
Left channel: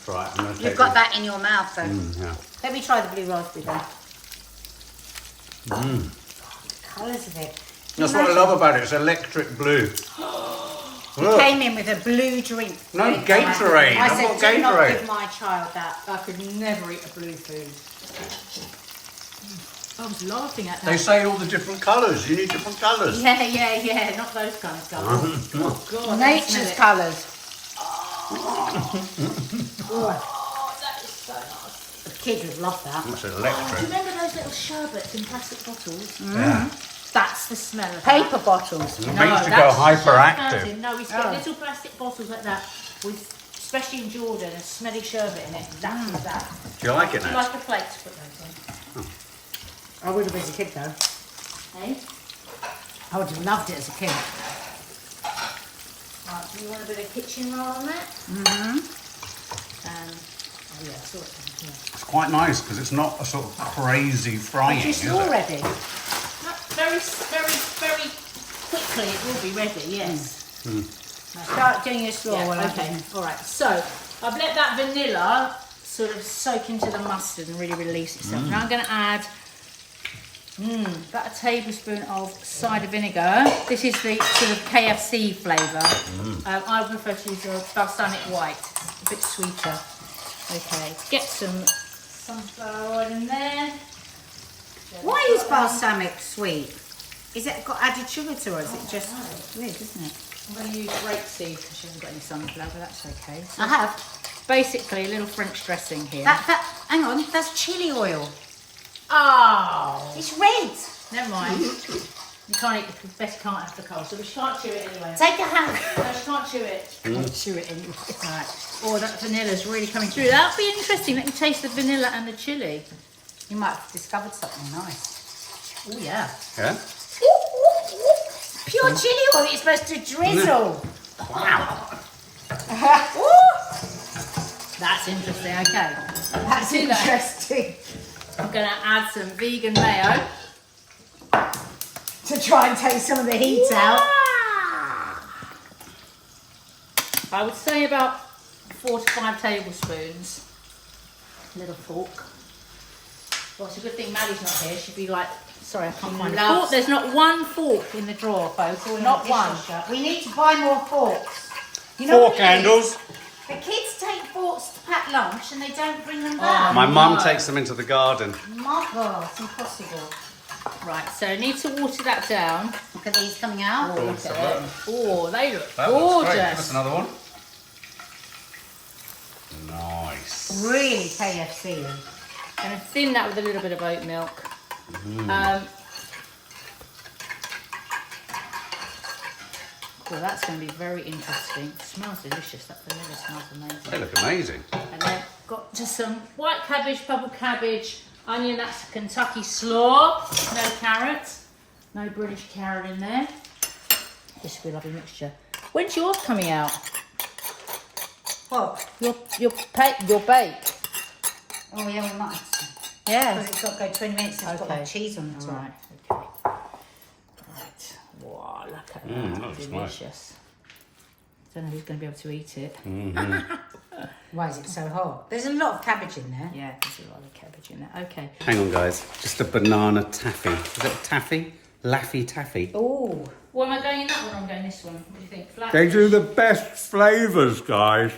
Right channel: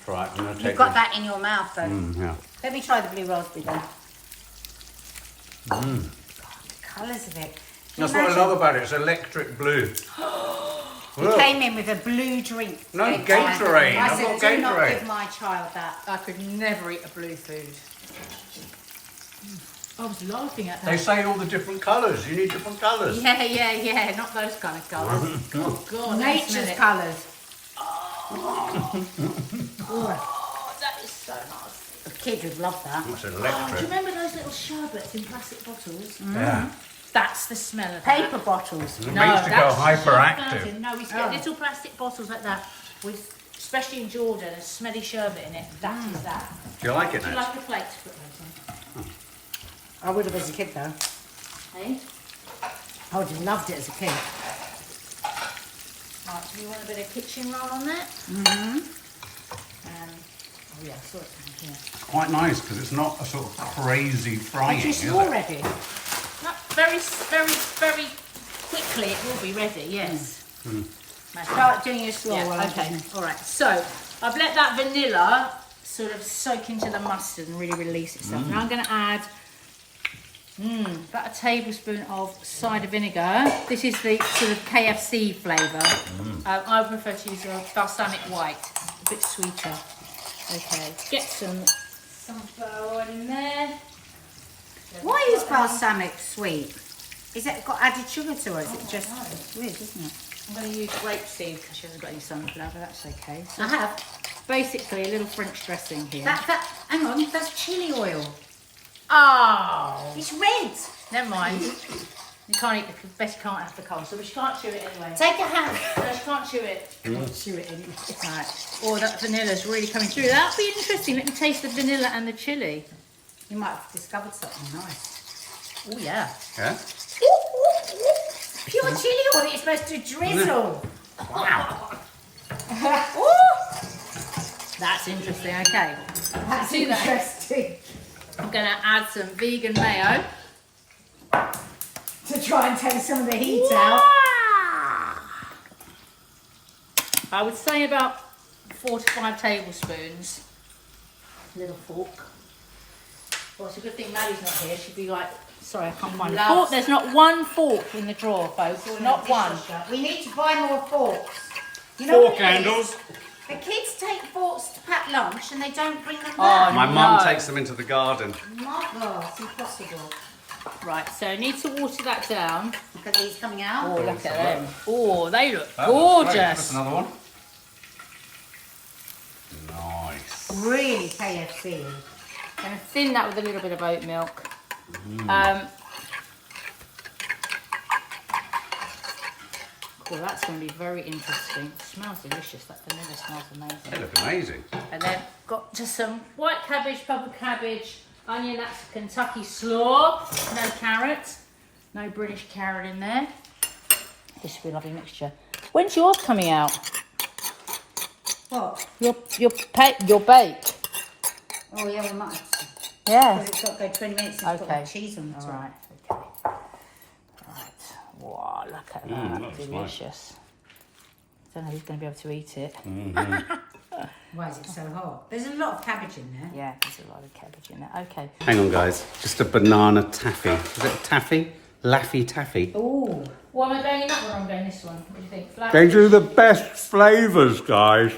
Right, I'm going to take you've got that in your mouth though. Yeah. Let me try the blue raspberry then. God, the colours of it. That's what I love about it. It's electric blue. He Look. came in with a blue drink. No Big Gatorade. time. I I've said, got do not Gatorade. give my child that. I could never eat a blue food. I was laughing at that. They say all the different colours. You need different colours. Yeah, not those kind of colours. Oh God, let me smell Nature's it. colours. Oh, that is so nice. The kids would love that. It's Do you electric. remember those little sherbets in plastic bottles? Yeah. That's the smell of Paper that. bottles. It makes you go hyperactive. No, we used to get little plastic bottles like that with, especially in Jordan, a smelly sherbet in it. Exactly that. Do you like it Do you now? like the flakes? Put those in. I would have as a kid though. Hey? I would have loved it as a kid. Right, do you want a bit of kitchen roll on that? Oh yeah, sort of. It's quite nice because it's not a sort of crazy frying, Which is is it? already. Very quickly it will be ready, yes. Start doing your slaw Yeah, while I'm okay. doing All right, so I've let that vanilla sort of soak into the mustard and really release itself. Now I'm going to add about a tablespoon of cider vinegar. This is the sort of KFC flavour. I prefer to use a balsamic white, a bit sweeter. Okay, get some sunflower oil in there. Why is balsamic sweet? Is it got added sugar to it, or is it just weird, isn't it? I'm going to use grapeseed because she hasn't got any sunflower, but that's okay. So I have. basically a little French dressing here. Hang on, that's chili oil. Oh! It's red. Never mind. You can't eat the best can't have the coleslaw, but you can't chew it anyway. Take a hand. No, you can't chew it. Chew it anyway. Right. Oh, that vanilla's really coming through. That'll be interesting. Let me taste the vanilla and the chili. You might have discovered something nice. Oh yeah. Yeah? Pure chili oil. It's supposed to drizzle. Wow. That's interesting. Okay. That's See that? interesting. I'm going to add some vegan mayo. To try and take some of the heat out. I would say about 4 to 5 tablespoons. Little fork. Well, it's a good thing Maddie's not here. She'd be like, sorry, I can't find a Loves- fork. There's not one fork in the drawer, folks. Not one. We need to buy more forks. You know Fork what it is? handles. The kids take forks to pack lunch and they don't bring them back. My mum no. takes them into the garden. My God, it's impossible. Right, so I need to water that down. Look at these coming out. Oh, look at them. Oh, they look That looks great. Give us gorgeous. another one. Nice. Really KFC. I'm going to thin that with a little bit of oat milk. Oh, that's going to be very interesting. It smells delicious. That vanilla smells amazing. They look amazing. And then got just some white cabbage, purple cabbage, onion. That's Kentucky slaw. No carrot. No British carrot in there. This should be a lovely mixture. When's yours coming out? What? Your bake. Oh yeah, we might. Yeah. Because it's got to go 20 minutes and put the cheese on the top. All right. Okay. Right. Wow, look at that. looks nice. Delicious. Don't know who's going to be able to eat it. Why is it so hot? There's a lot of cabbage in there. Yeah, there's a lot of cabbage in there. Okay. Hang on, guys. Just a banana taffy. Is it taffy? Laffy taffy. Ooh. Well, am I going in that one or am I going this one? What do you think? Flat? They do the best flavours, guys.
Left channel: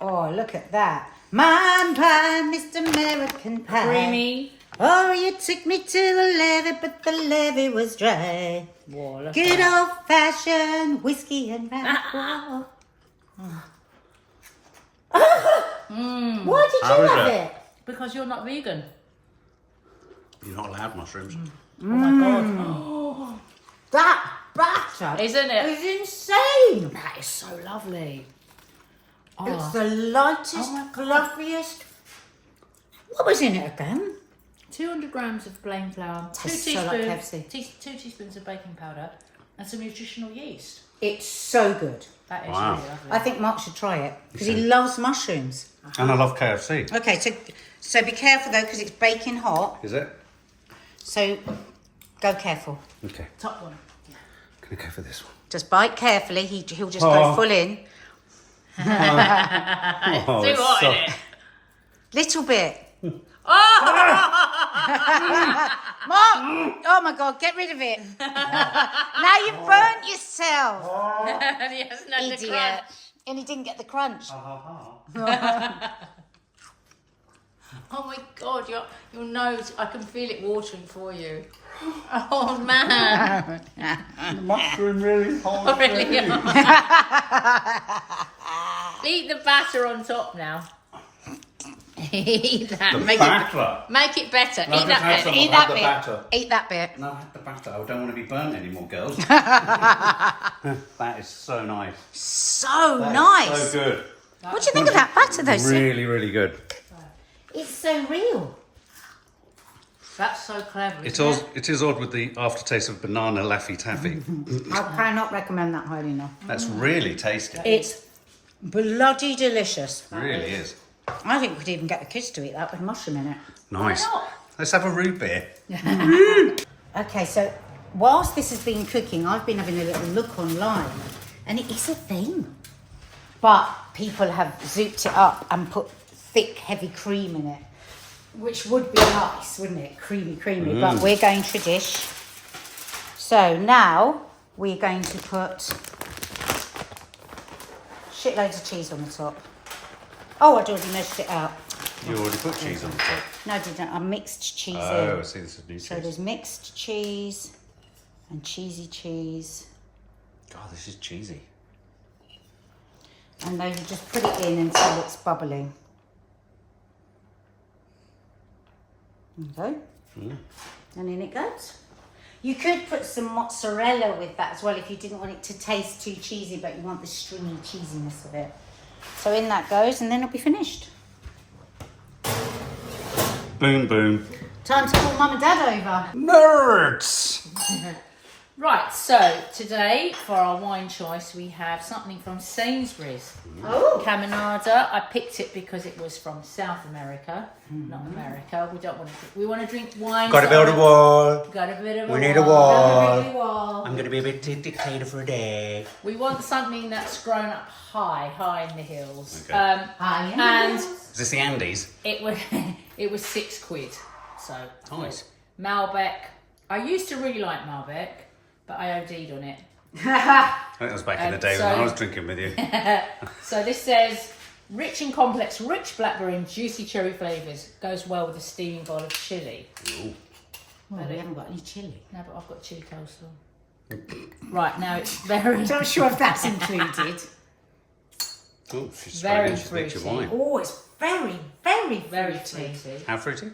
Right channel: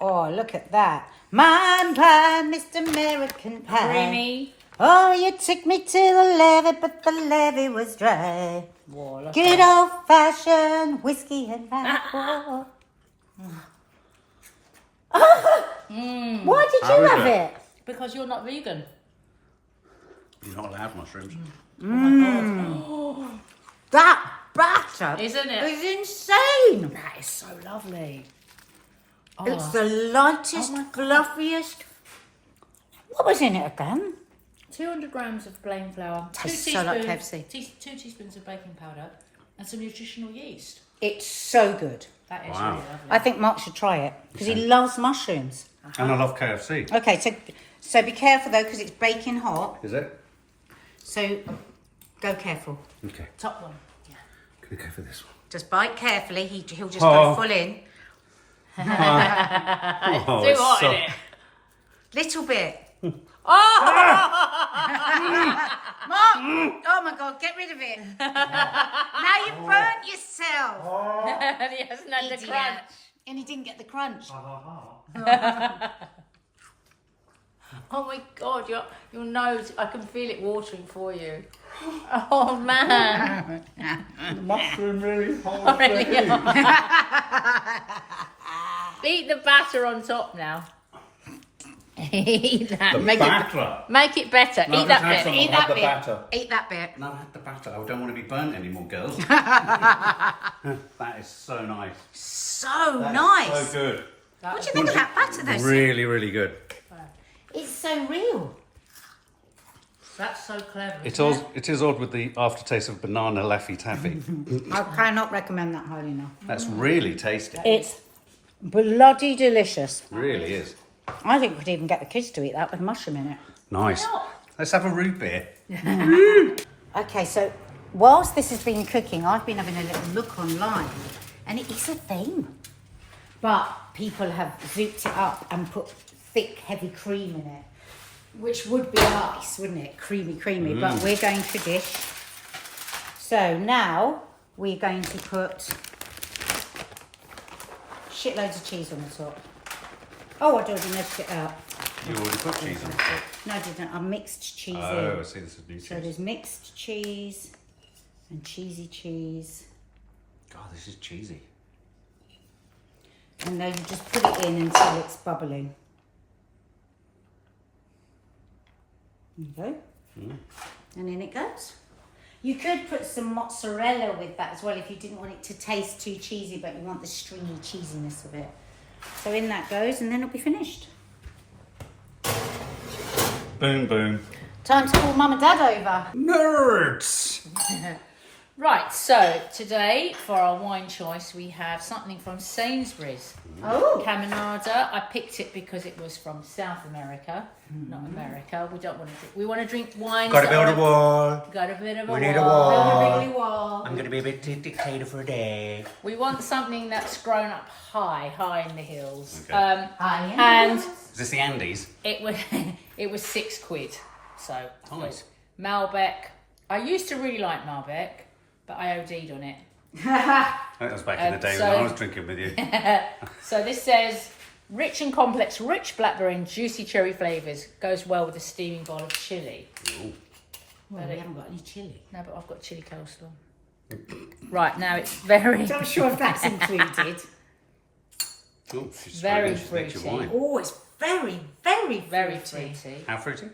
Oh, look at that. Man pie, Mr. American Pie. Creamy. Oh, you took me to the levee, but the levee was dry. Whoa, look Good at old fashioned whiskey and rye. Why did How you is have it? it? Because you're not vegan. You're not allowed mushrooms. Oh my God. That batter Isn't it? is insane. That is so lovely. Oh, It's the lightest, Oh my God. fluffiest. What was in it again? 200 grams of plain flour, Tastes so like KFC. 2 teaspoons of baking powder, and some nutritional yeast. It's so good. That is Wow. really lovely. I think Mark should try it because he loves mushrooms. And I love KFC. Okay, so be careful though because it's baking hot. Is it? So go careful. Okay. Top one. Can I go for this one? Just bite carefully. He'll just Oh. go full in. Oh, Too it's hot, so... innit? Little bit. Oh! Mark! Oh my God, get rid of it. Now you've burnt yourself. And he hasn't had the Idiot. crunch. And he didn't get the crunch. Oh my God, your nose, I can feel it watering for you. Oh man. Mushroom really hard. Really? Eat the batter on top now. Eat that. The batter. Make it better. No, Eat that just have bit. some. Eat I've had that the bit. batter. Eat that bit. No, I had the batter. I don't want to be burnt anymore, girls. That is so nice. So That is nice. So good. What do you think of that batter though, Sue? Really, really good. It's so real. That's so clever. It is odd with the aftertaste of banana Laffy Taffy. I cannot recommend that highly enough. That's really tasty. It's bloody delicious. Really is. I think we could even get the kids to eat that with mushroom in it. Nice. Let's have a root beer. Okay, so whilst this has been cooking, I've been having a little look online, and it is a thing. But people have zooped it up and put thick, heavy cream in it, which would be nice, wouldn't it? Creamy, but we're going for dish. So now we're going to put shitloads of cheese on the top. Oh, I'd already measured it out. You already put cheese on the top. No, I didn't. I mixed cheese Oh, I in. see. This is new So cheese. there's mixed cheese and cheesy cheese. God, this is cheesy. And then you just put it in until it's bubbling. Okay. And in it goes. You could put some mozzarella with that as well if you didn't want it to taste too cheesy, but you want the stringy cheesiness of it. So in that goes, and then it'll be finished. Boom, boom. Time to call Mum and Dad over. Nerds! Right, so today for our wine choice we have something from Sainsbury's. Oh. Caminada. I picked it because it was from South America, not America. We don't want to. We want to drink wine. Got to build a wall. Got a bit of We a need a wall. wall. I'm going to be a bit dictator for a day. We want something that's grown up high in the hills. Okay. And Is this the Andes? it was it was £6. So Nice. Malbec. I used to really like Malbec, but I OD'd on it. I think that was back in the day when I was drinking with you. So this says rich and complex, rich blackberry and juicy cherry flavours. Goes well with a steaming bowl of chilli. Ooh. Well, we haven't got any chilli. No, but I've got chilli coleslaw. Right, now it's very... I'm not sure if that's included. Oh, she's Very she's nicked your fruity. wine. Oh, it's very, very, Very fruity. fruity. How fruity?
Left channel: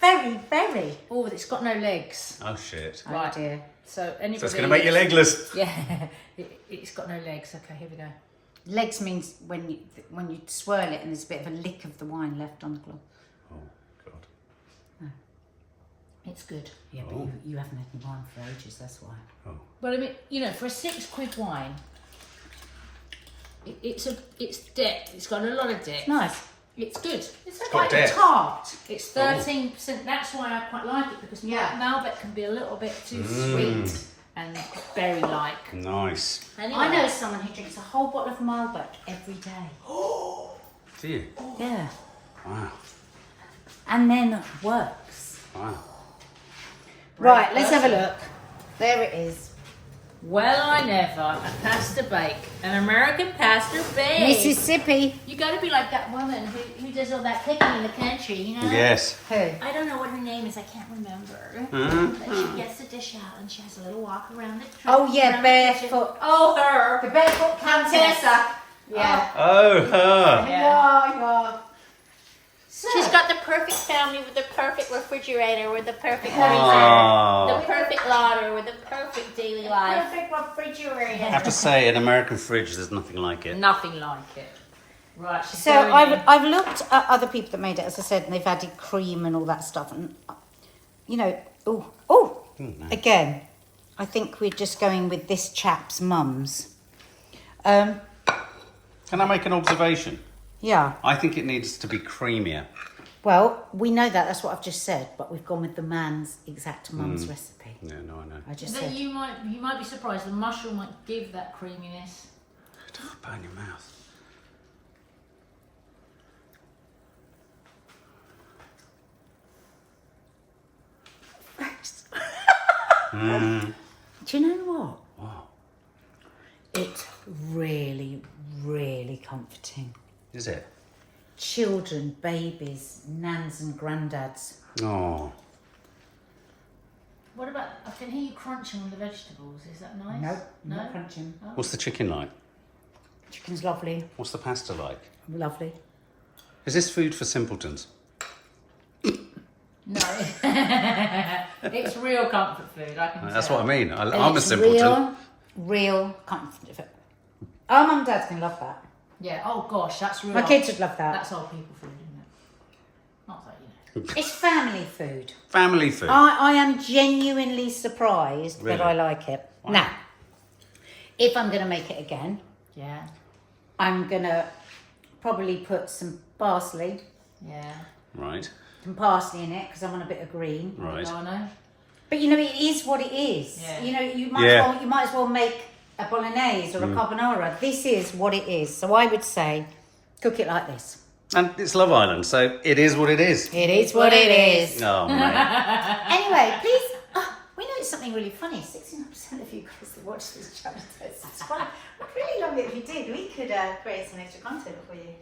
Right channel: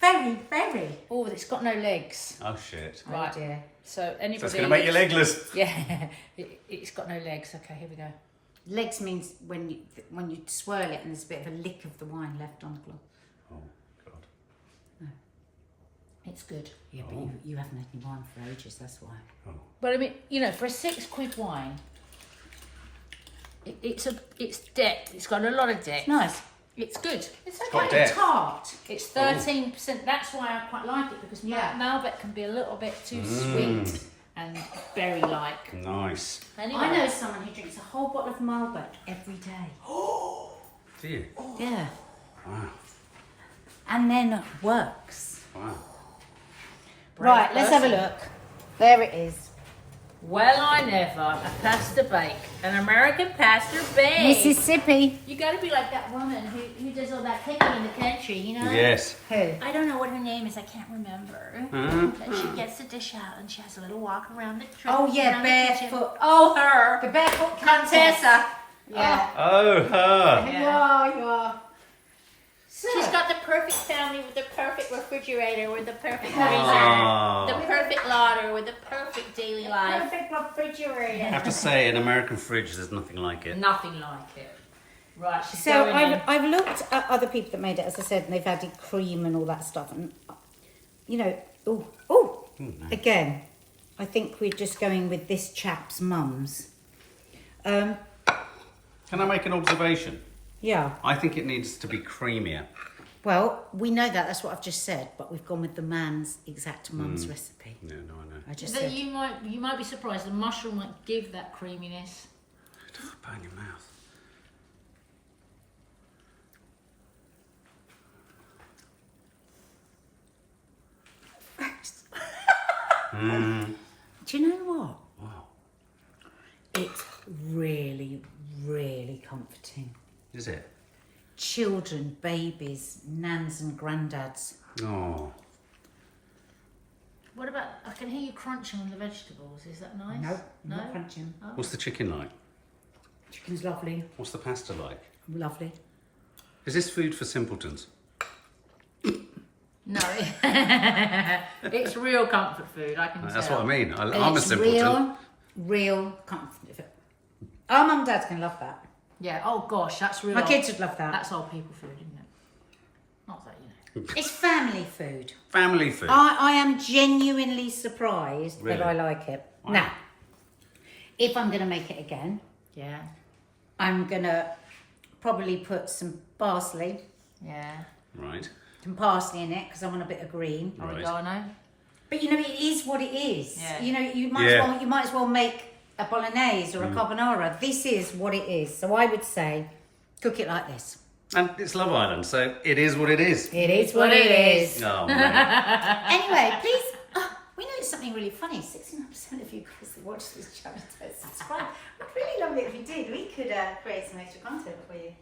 Very, very. Oh, it's got no legs. Oh, shit. Right. Oh dear. So anybody... So it's going to make you legless. Yeah, it's got no legs. Okay, here we go. Legs means when you swirl it and there's a bit of a lick of the wine left on the cloth. Oh, God. It's good. Yeah, but you haven't had any wine for ages, that's why. Oh. Well, I mean, you know, for a £6 wine, It's depth. It's got a lot of depth. Nice. It's good. It's got quite depth. tart. It's 13%. That's why I quite like it, because Malbec can be a little bit too sweet and berry-like. Nice. Anyway. I know someone who drinks a whole bottle of Malbec every day. Do you? Yeah. Wow. And then works. Wow. Right, let's have a look. There it is. Well, I never. A pasta bake. An American pasta bake. Mississippi. You got to be like that woman who does all that cooking in the country, you know? Yes. Who? I don't know what her name is. I can't remember. But she gets the dish out and she has a little walk around the Oh, yeah, around the kitchen. barefoot. Oh, her. The barefoot countess. Tessa. Yeah. Oh, her. Yeah. So, She's got the perfect family with the perfect refrigerator, with the perfect Oh. the perfect larder, with the perfect daily life. perfect refrigerator. I have to say, an American fridge, there's nothing like it. Nothing like it. Right, she's So going in. I've looked at other people that made it, as I said, and they've added cream and all that stuff. And, you know, again, I think we're just going with this chap's mums. Can I make an observation? Yeah. I think it needs to be creamier. Well, we know that. That's what I've just said. But we've gone with the man's exact mum's recipe. No, I know. I just But said. you might be surprised. The mushroom won't give that creaminess. Don't burn your mouth. Do you know what? Wow. It's really, really comforting. Is it? Children, babies, nans and granddads. Oh. What about? I can hear you crunching on the vegetables. Is that nice? No, No. not crunching. What's the chicken like? Chicken's lovely, What's the pasta like? lovely. Is this food for simpletons? No. It's real comfort food. I can tell. That's what I mean. I'm a It's simpleton. real comfort. Our mum and dad can love that. Yeah. Oh gosh, that's real. My kids would love that. That's old people food, isn't it? Not that you know. It's family food. Family food. I am genuinely surprised Really? that I like it. Now, if I'm going to make it again, Yeah. I'm going to probably put some parsley, Yeah. Right. some parsley in it because I want a bit of green. Right. Oregano. But you know, it is what it is. Yeah. You know, you Yeah. might as well make a bolognese or a carbonara. This is what it is. So I would say, cook it like this. And it's Love Island, so it is what it is. It is what it is. Oh, mate. Anyway, please. We know something really funny. 69% of you guys that watch this channel don't subscribe. I'd really love it if you did. We could create some extra content for you.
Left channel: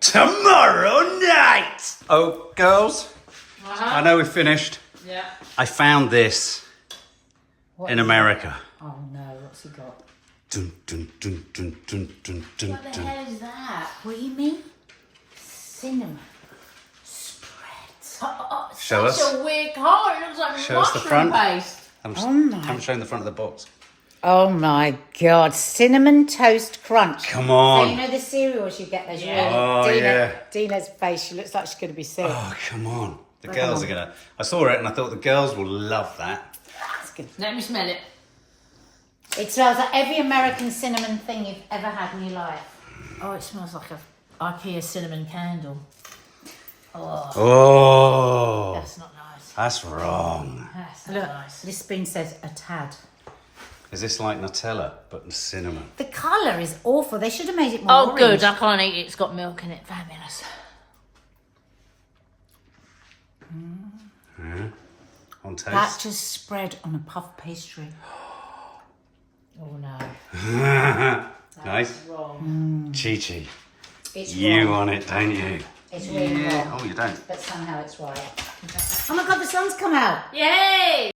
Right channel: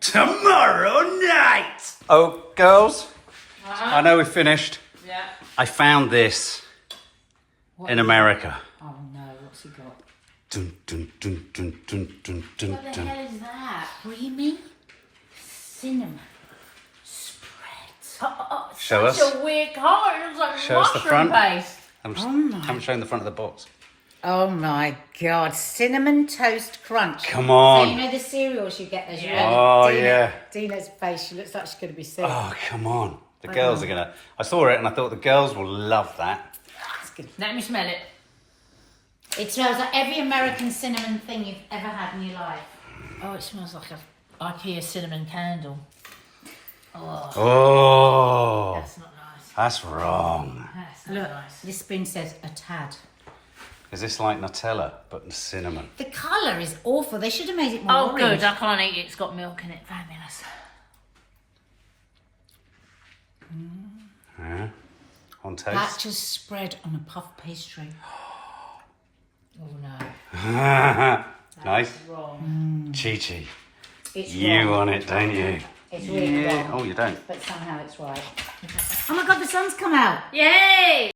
Tomorrow night! Oh, girls, I know we've finished. Yeah. I found this in America. Oh no, what's he got? Dun, dun, dun, dun, dun, dun, dun, What the dun. hell is that? Creamy cinnamon spread. Show us. It's a weird colour. It looks like Show us the mushroom front. paste. Haven't shown the front of the box. Oh my god, cinnamon toast crunch. Come So on. you know the cereals you get? There's Yeah. Oh, yeah. Dina's face, she looks like she's going to be sick. Oh, come on. The girls are going to... I saw it and I thought the girls will love that. That's good. Let me smell it. It smells like every American cinnamon thing you've ever had in your life. Oh, it smells like a IKEA cinnamon candle. Oh, That's not nice. that's wrong. That's not Look, nice. this spoon says a tad. Is this like Nutella, but cinnamon? The colour is awful. They should have made it more Oh, orange. good. I can't eat it. It's got milk in it. Fabulous. Yeah. On That toast. just spread on a puff pastry. Oh, no. Nice. Wrong. Chi-Chi. It's You wrong. want it, don't you? It's really Yeah. wrong. Oh, you don't. But somehow it's right. Oh my god, the sun's come out. Yay!